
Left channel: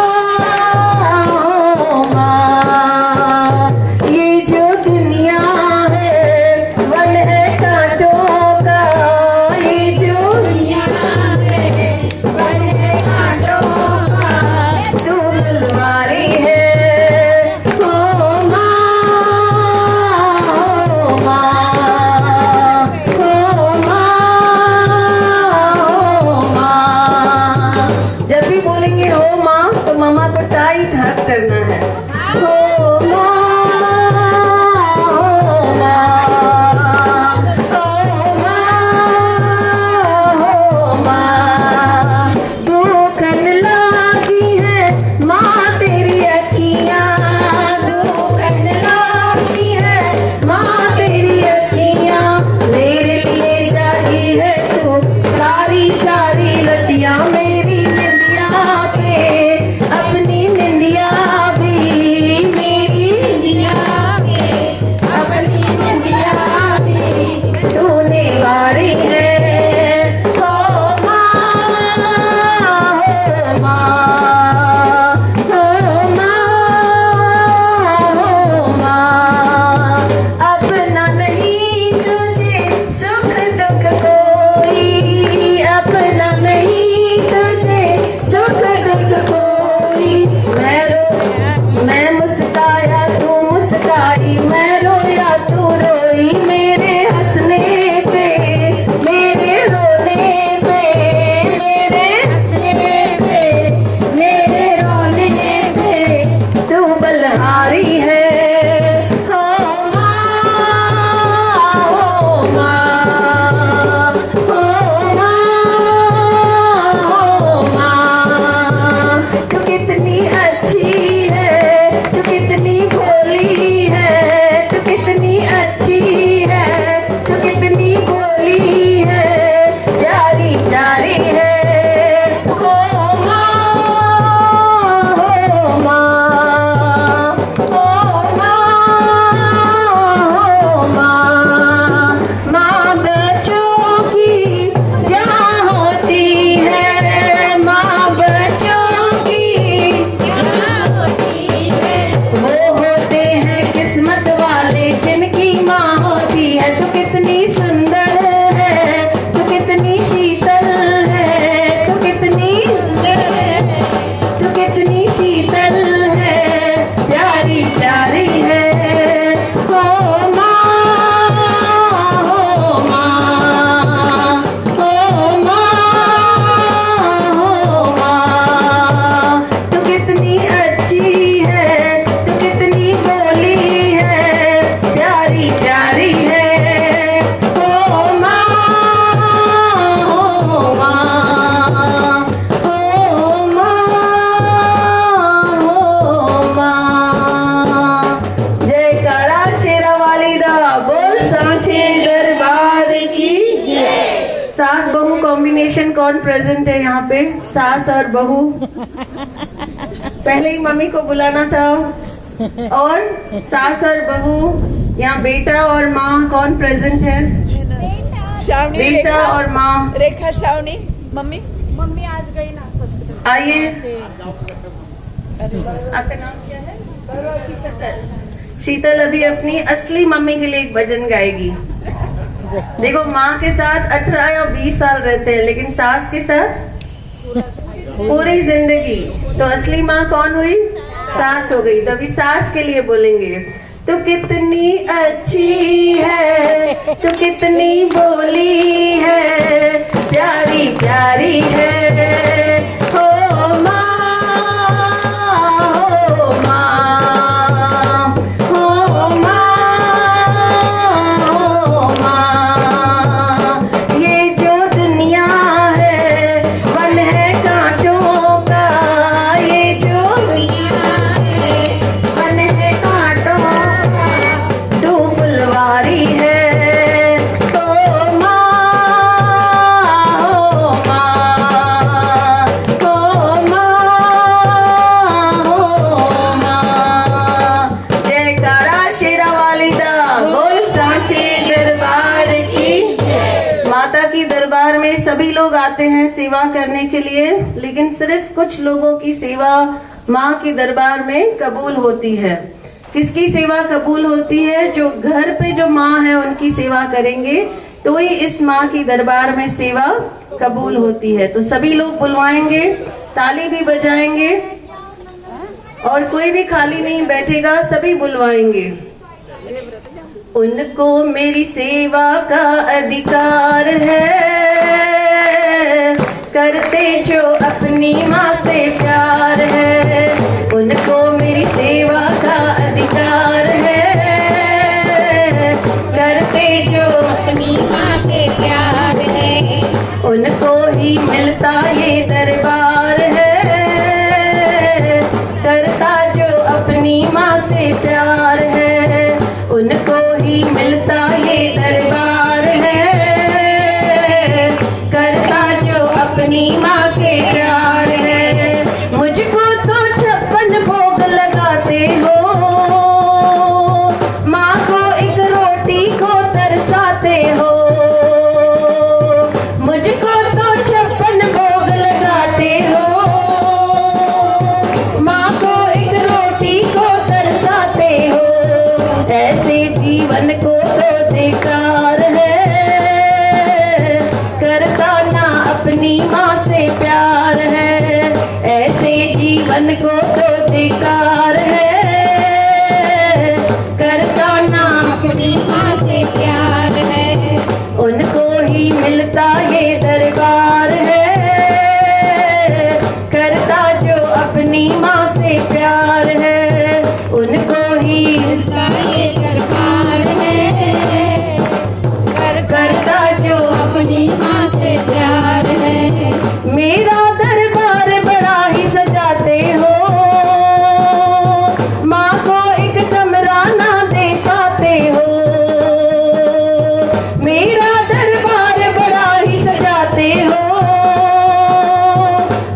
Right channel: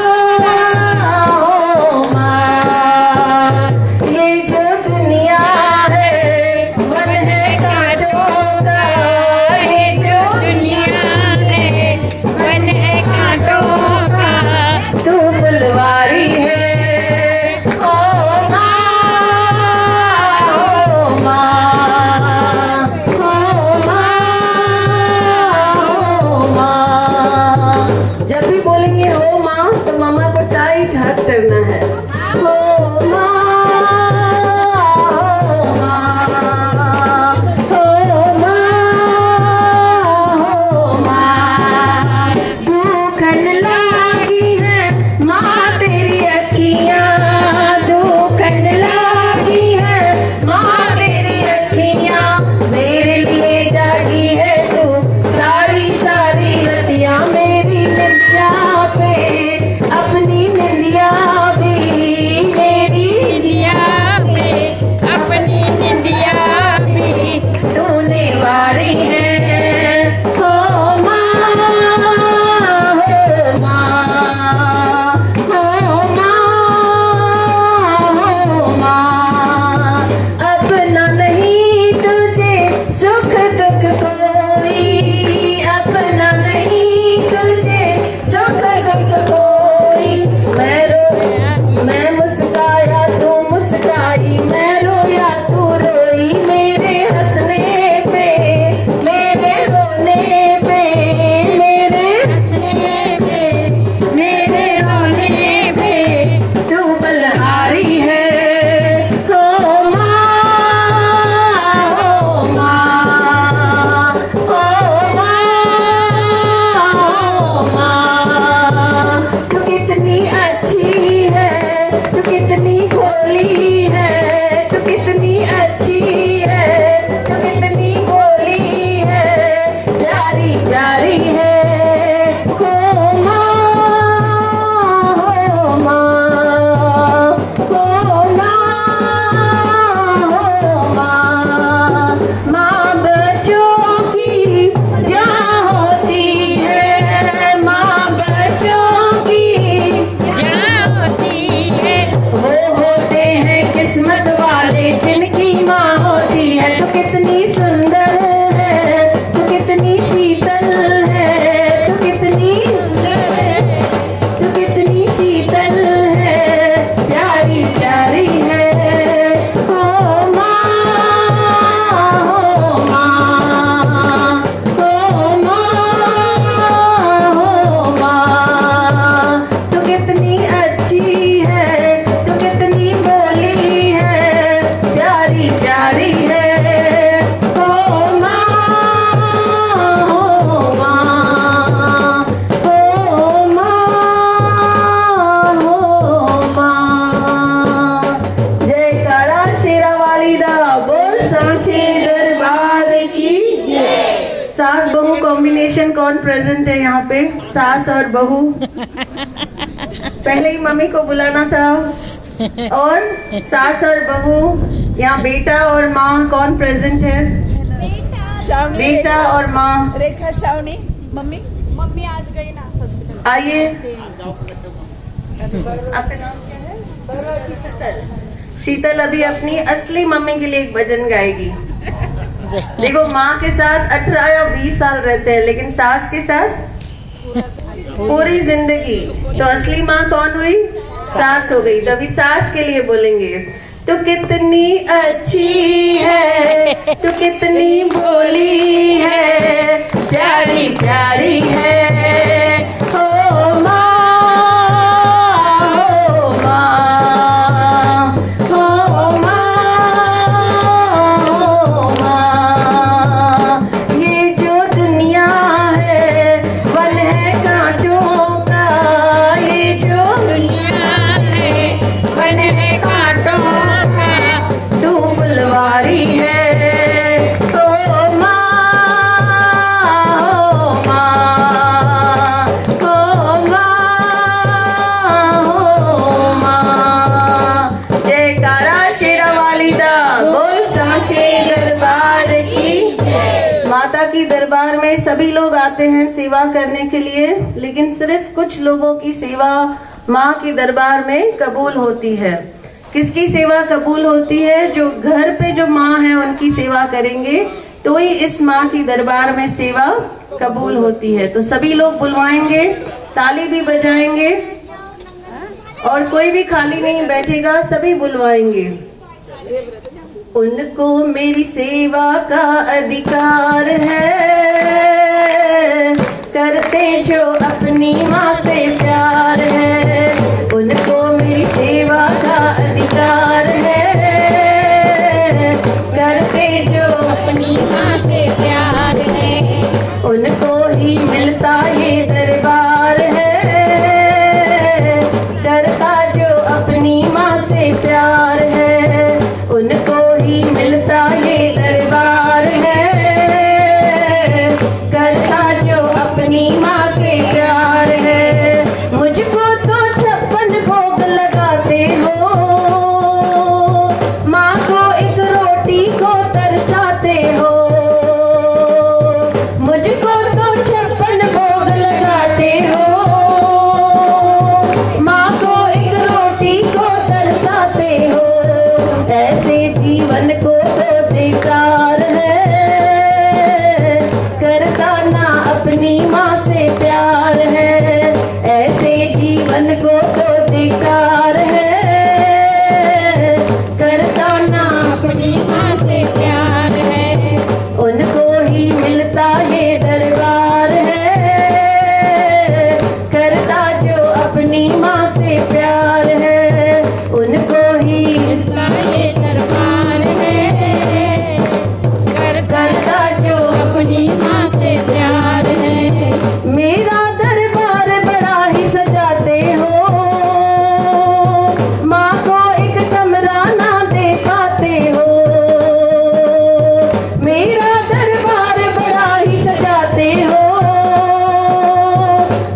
फुलवारी है। जब भी बोलेंगे हो माँ तो मामा को टाई झाक करना है। हो माँ, हो माँ, हो माँ, हो माँ। दुखन लागी है माँ तेरी अखियाँ, दुखन लागी है माँ तेरी अखियाँ। मेरे लिए जागी है तू सारी सारी रतियाँ, मेरी निंदिया पे अपनी निंदिया भी, मेरी निंदिया पे अपनी निंदिया भी तूने वारी है। हो माँ, हो माँ, हो माँ, हो माँ। अपना नहीं तुझे सुख दुख कोई, अपना नहीं तुझे सुख दुख कोई। मैं मुस्काया तू मुस्काई, मैं रोया तू रोई, मेरे हंसने पे मेरे रोने पे, मेरे हंसने पे मेरे रोने पे तू बलहारी है। हो माँ, हो माँ, हो माँ, हो माँ। तू कितनी अच्छी है, तू कितनी भोली है, तू कितनी अच्छी है, तू कितनी भोली है, प्यारी प्यारी है। हो माँ, हो माँ, हो माँ, हो माँ। माँ बच्चों की जान होती है, माँ बच्चों की जान होती है। वो होते हैं किस्मत वाले जिनकी माँ होती है। तू कितनी सुंदर है, तू कितनी शीतल है, तू कितनी सुंदर है, तू कितनी शीतल है, प्यारी प्यारी है। हो माँ, हो माँ, हो माँ, हो माँ। तू कितनी अच्छी है, तू कितनी भोली है, प्यारी प्यारी है। हो माँ, हो माँ, हो माँ, हो माँ। जयकारा शेरा वाली दा बोल सांचे दरबार की जय। सास बहू कॉम्बिनेशन कौन प्रेजेंट है यहाँ पे? सास और बहू। पहले ही मम्मी को बुलाना था। और सास और बहू, यहाँ बेटा और माँ कौन प्रेजेंट है? श्रावणी, बेटा और माँ। रेखा, श्रावणी, मम्मी मम्मी आज गई ना हॉस्पिटल। आइए, आपका नाम क्या है? शीतल अभी अपनी असली मम्मी के लिए एक भजन गाएगी। देखो माँ के साथ 18 या 20 साल रहते हैं, लेकिन सास के साथ पूरी जिंदगी। तो असली माँ कौन हुई? सास हो गई। तो अभी सास के लिए बोलेंगे। तू कितनी अच्छी है, तू कितनी भोली है, प्यारी प्यारी है। हो माँ, हो माँ, हो माँ, हो माँ। ये जो दुनिया है वन है कांटों का, ये जो दुनिया है वन है कांटों का, तू फुलवारी है। हो माँ, हो माँ, हो माँ, हो माँ। जयकारा शेरा वाली दा बोल सांचे दरबार की जय। माता की दरबार में सभी लोग आते हैं सेवा करने के लिए, लेकिन सिर्फ कुछ लोगों की सेवा माँ की दरबार में कबूल होती है। किसकी सेवा कबूल होती है? जो घर पे जो माँ है उनकी सेवा करेंगे तो ही इस माँ की दरबार में सेवा कबूल होती है। तो सभी लोग बुलवाएंगे, ताली भी बजाएंगे। और कोई भी खाली नहीं बैठेगा, सभी बुलवाएंगे। उनको मेरी सेवा का अधिकार है, करते जो अपनी माँ से प्यार है। उनको मेरी सेवा का अधिकार है, करते जो अपनी माँ से प्यार है। उनको ही मिलता ये दरबार है, करता जो अपनी माँ से प्यार है। उनको ही मिलता ये दरबार है, करता जो अपनी माँ से प्यार है। मुझको तो 56 भोग लगाते हो, माँ को एक रोटी को तरसाते हो। मुझको तो 56 भोग लगाते हो, माँ को एक रोटी को तरसाते हो। ऐसे जीवन को तो धिक्कार है, करता ना अपनी माँ से प्यार है। ऐसे जीवन को तो धिक्कार है, करता ना अपनी माँ से प्यार है। उनको ही मिलता ये दरबार है, करता जो अपनी माँ से प्यार है। उनको ही मिलता ये दरबार है, करता जो अपनी माँ से प्यार है। मेरा दरबार बड़ा ही सजाते हो, माँ को एक कमरा ना दे पाते हो। मेरा दरबार बड़ा ही सजाते हो,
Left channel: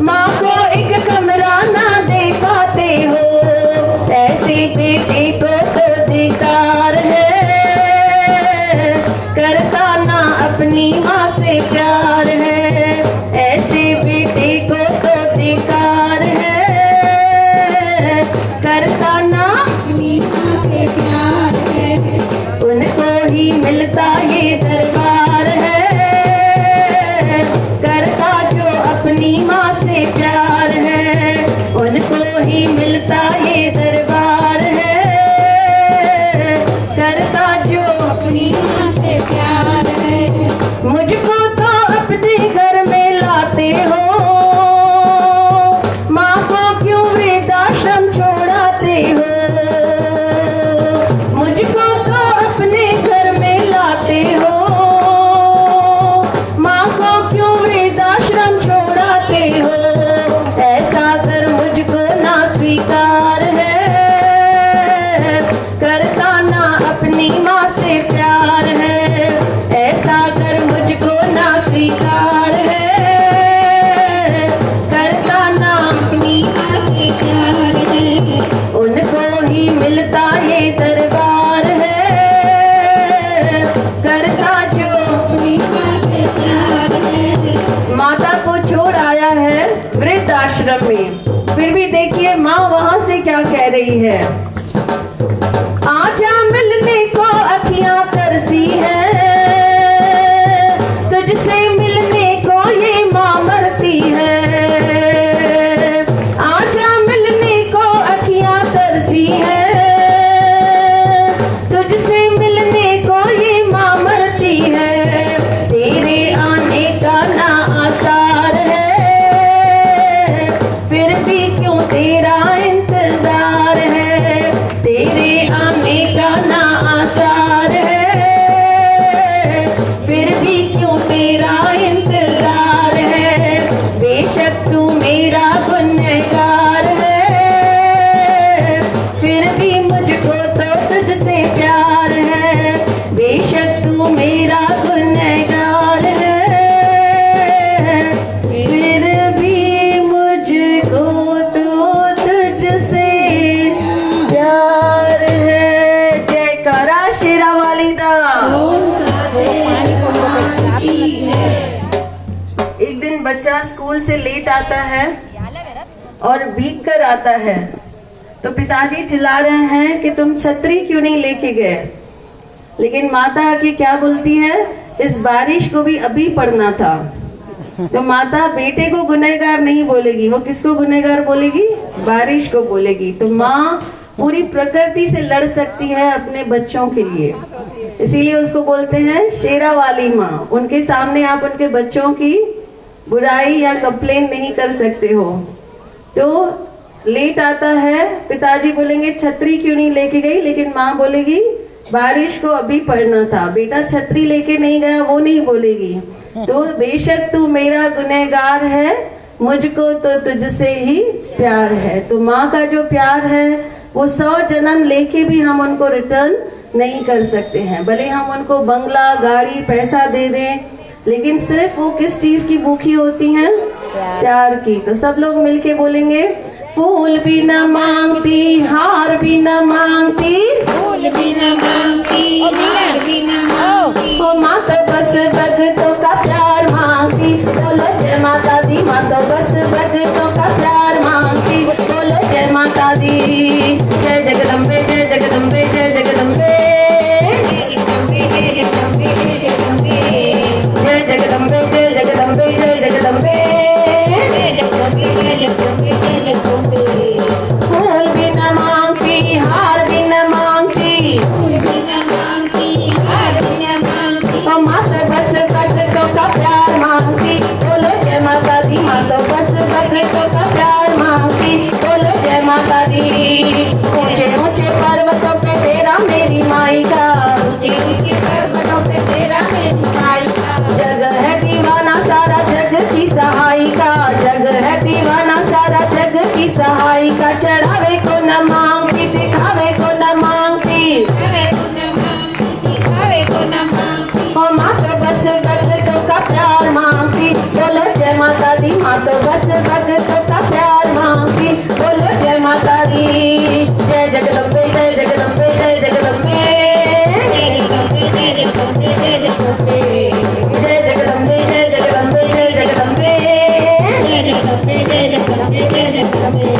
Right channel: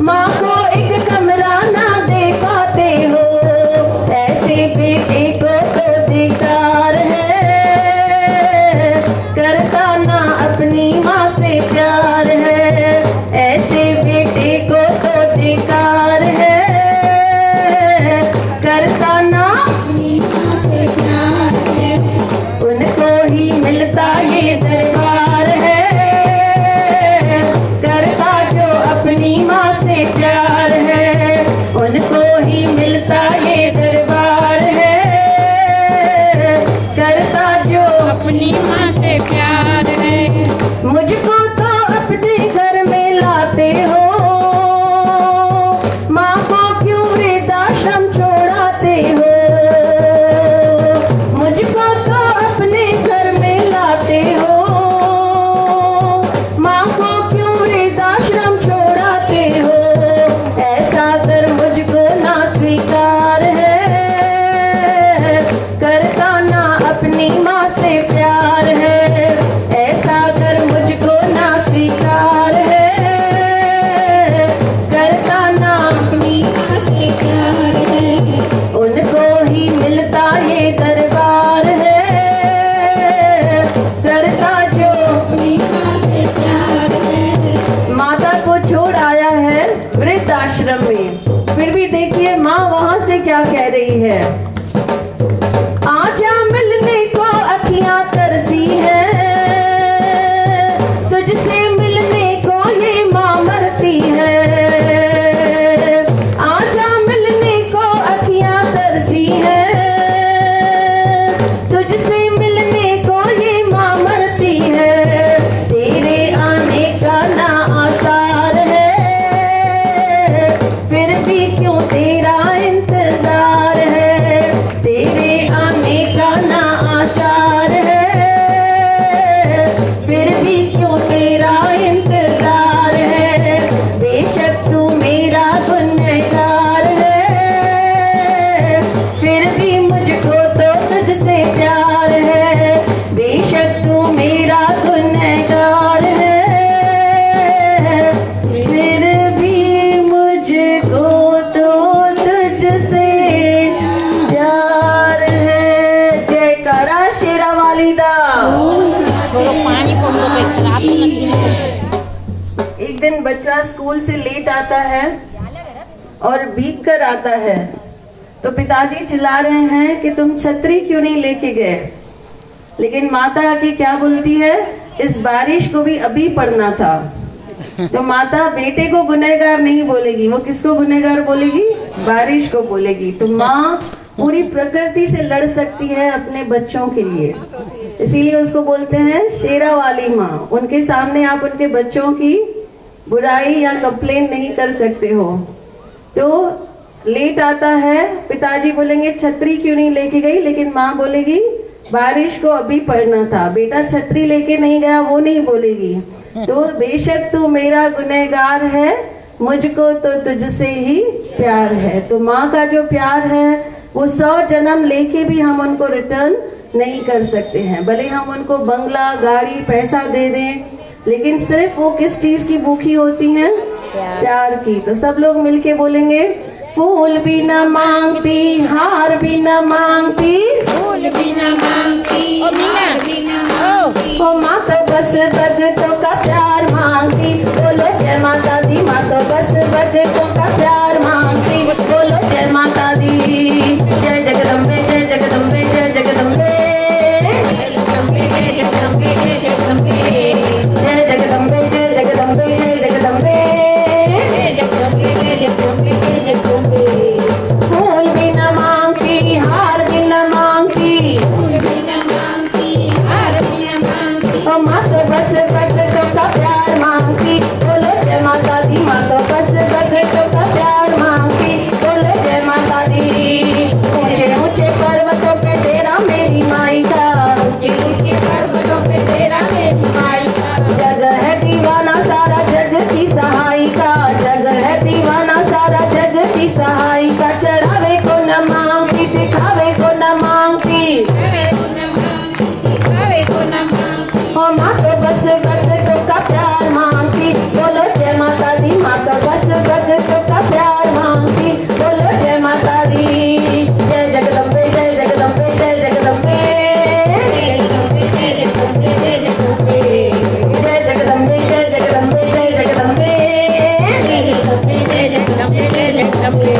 माँ को एक कमरा ना दे पाते हो। ऐसे बेटे को तो धिक्कार है, करता ना अपनी माँ से प्यार है। ऐसे बेटे को तो धिक्कार है, करता ना अपनी माँ से प्यार है। उनको ही मिलता ये दरबार है, करता जो अपनी माँ से प्यार है। उनको ही मिलता ये दरबार है, करता जो अपनी माँ से प्यार है। मुझको तो अपने घर में लाते हो, माँ को क्यों वृद्धाश्रम छोड़ाते हो। मुझको तो अपने घर में लाते हो, माँ को क्यों वृद्धाश्रम छोड़ाते हो। ऐसा कर मुझको ना स्वीकार है, करता ना अपनी माँ से प्यार है। ऐसा कर मुझको ना स्वीकार है, करता ना अपनी माँ से प्यार है। उनको ही मिलता ये दरबार है, करता जो अपनी माँ से प्यार है। माता को छोड़ आया है वृद्धाश्रम में, फिर भी देखिए माँ वहां से क्या कह रही है। आजा मिलने को अखियां तरसी है, तुझसे मिलने को ये माँ मरती है। आजा मिलने को अखियां तरसी है, तुझसे मिलने को ये माँ मरती है। तेरे आने का ना आसार है, फिर भी क्यों तेरा इंतजार है। तेरे आने का ना आसार है, फिर भी क्यों तेरा इंतजार है। बेशक तू मेरा गुनहगार है, फिर भी मुझको तो तुझसे प्यार है। बेशक तू मेरा गुनहगार है, फिर भी मुझको तो तुझसे प्यार है। जयकारा शेरा वालिदा। पानी को खराब एक दिन बच्चा स्कूल से लेट आता है और भीग कर आता है, तो पिताजी चिल्ला रहे हैं कि तुम छतरी क्यों नहीं लेके गए। लेकिन माता आके क्या बोलती है, इस बारिश को भी अभी पढ़ना था। तो माता बेटे को गुनहगार नहीं बोलेगी, वो किसको गुनहगार बोलेगी? बारिश को बोलेगी। तो माँ पूरी प्रकृति से लड़ सकती है अपने बच्चों के लिए, इसीलिए उसको बोलते हैं शेरा वाली माँ। उनके सामने आप उनके बच्चों की बुराई या कंप्लेन नहीं कर सकते हो। तो लेट आता है, पिताजी बोलेंगे छतरी क्यों नहीं लेके गई, लेकिन माँ बोलेगी बारिश को अभी पढ़ना था, बेटा छतरी लेके नहीं गया, वो नहीं बोलेगी। तो बेशक तू मेरा गुनहगार है, मुझको तो तुझसे ही प्यार है। तो माँ का जो प्यार है वो 100 जन्म लेके भी हम उनको रिटर्न नहीं कर सकते हैं। भले हम उनको बंगला, गाड़ी, पैसा दे दें, लेकिन सिर्फ वो किस चीज की भूखी होती हैं? प्यार की। तो सब लोग मिलके बोलेंगे, फूल भी न मांगती, हार भी न मांगती, फूल भी न मांगती, हार भी न मांगती, ओ माँ तो बस भक्तों का प्यार मांगती। बोलो जय माता दी, माँ तो बस भक्तों का प्यार मांगती। बोलो जय माता दी, जय जगदम्बे, जय जगदम्बे, जय जगदम्बे, जय जगदम्बे, जय जगदम्बे, जय जगदम्बे, जय जगदम्बे, जय जगदम्बे, जय जगदम्बे, जय जगदम्बे, जय जगदम्बे, जय जगदम्बे। फूल भी न मांगती, हार भी न मांगती, फूल भी न मांगती, हार भी न मांगती, ओ माँ तो बस भक्तों का प्यार मांगती। बोलो जय माता दी, माँ तो बस भक्तों का प्यार मांगती। बोलो जय माता दी। ऊंचे ऊंचे पर्वतों पे तेरा मेरी माई का, ऊंचे ऊंचे पर्वतों पे तेरा मेरी माई का, जग है दीवाना सारा जग की सहायिका, जग है दीवाना सारा जग की सहायिका। चढ़ावे को न मांगती, दिखावे को न मांगती, खावे को न मांगती, खावे को न मांगती, ओ माँ तो बस भक्तों का प्यार मांगती। बोलो जय माता दी, माँ तो बस भक्तों का प्यार मांगती। बोलो जय माता दी, जय जगदम्बे, जय जगदम्बे, जय जगदम्बे, जय जगदम्बे, जय जगदम्बे, जय जगदम्बे, जय जगदम्बे, जय जगदम्बे, जय जगदम्बे, जय जगदम्बे, जय जगदम्बे, जय जगदम्बे।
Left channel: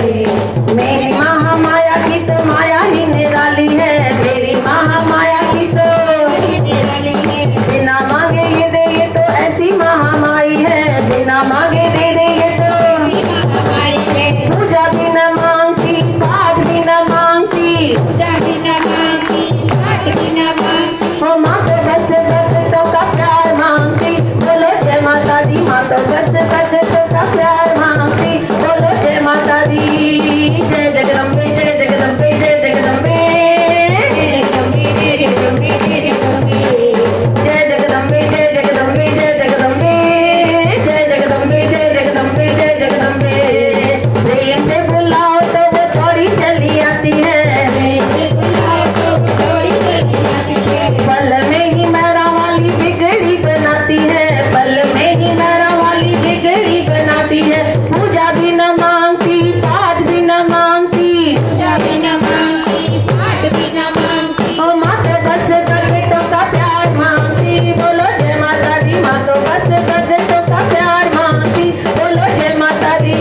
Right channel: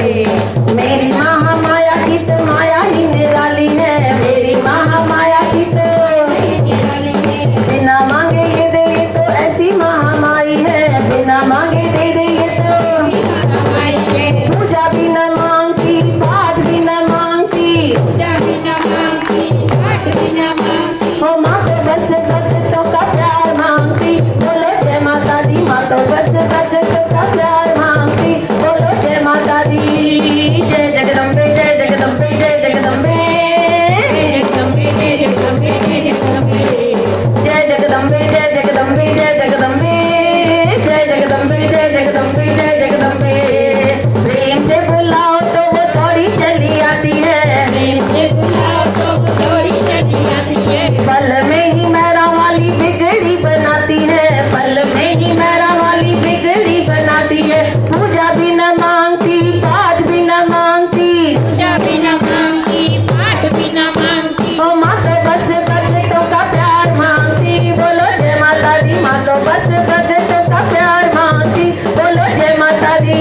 मेरी महामाया की तो माया ही निराली है, मेरी महामाया की तो बिना मांगे ये दे, ये तो ऐसी महामाई है, बिना मांगे दे दे ये तो। पूजा भी न मांगती, पाठ भी न मांगती, ओ माँ तो बस भक्तों का प्यार मांगती। बोलो जय माता दी, माँ तो बस भक्तों का प्यार मांगती। बोलो जय माता दी, जय जगदम्बे, जय जगदम्बे, जय जगदम्बे, जय जगदम्बे, जय जगदम्बे, जय जगदम्बे, जय जगदम्बे, जय जगदम्बे, जय जगदम्बे, जय जगदम्बे, जय जगदम्बे, जय जगदम्बे। प्रेम से बुलाओ तो वो थोड़ी चली आती है, पल में ही मेरा वाली बिगड़ी बनाती है, पल में ही मेरा वाली बिगड़ी बनाती है। पूजा भी न मांगती, पाठ भी न मांगती, ओ माँ तो बस भक्तों का प्यार मांगती। बोलो जय माता दी, माँ तो बस भक्तों का प्यार मांगती। बोलो जय माता दी,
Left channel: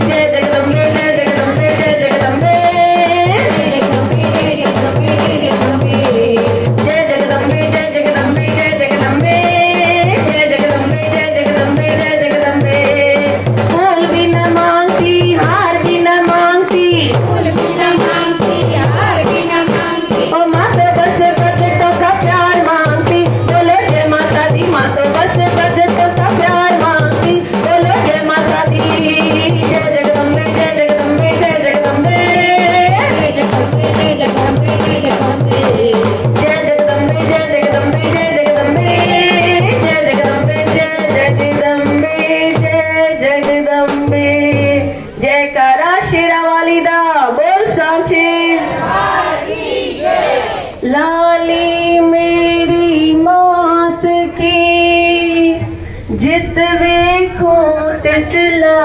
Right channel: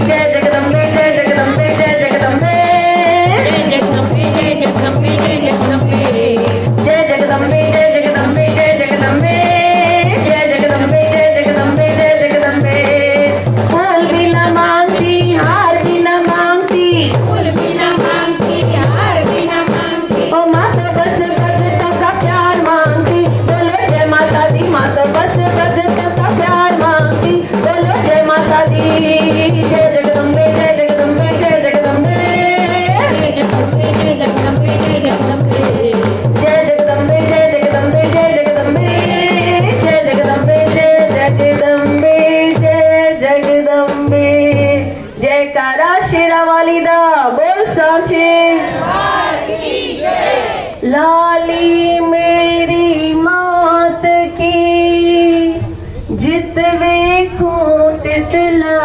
जय जगदम्बे, जय जगदम्बे, जय जगदम्बे, जय जगदम्बे, जय जगदम्बे, जय जगदम्बे, जय जगदम्बे, जय जगदम्बे, जय जगदम्बे, जय जगदम्बे, जय जगदम्बे, जय जगदम्बे। फूल भी न मांगती, हार भी न मांगती, ओ माँ तो बस भक्तों का प्यार मांगती। बोलो जय माता दी, माँ तो बस भक्तों का प्यार मांगती। बोलो जय माता दी, जय जगदम्बे, जय जगदम्बे, जय जगदम्बे, जय जगदम्बे, जय जगदम्बे, जय जगदम्बे, जय जगदम्बे, जय जगदम्बे, जय जगदम्बे, जय जगदम्बे, जय जगदम्बे, जय जगदम्बे। जयकारा शेरा वाली दा, बोल सांचे लाली मेरी मात की, जित वेखो तितला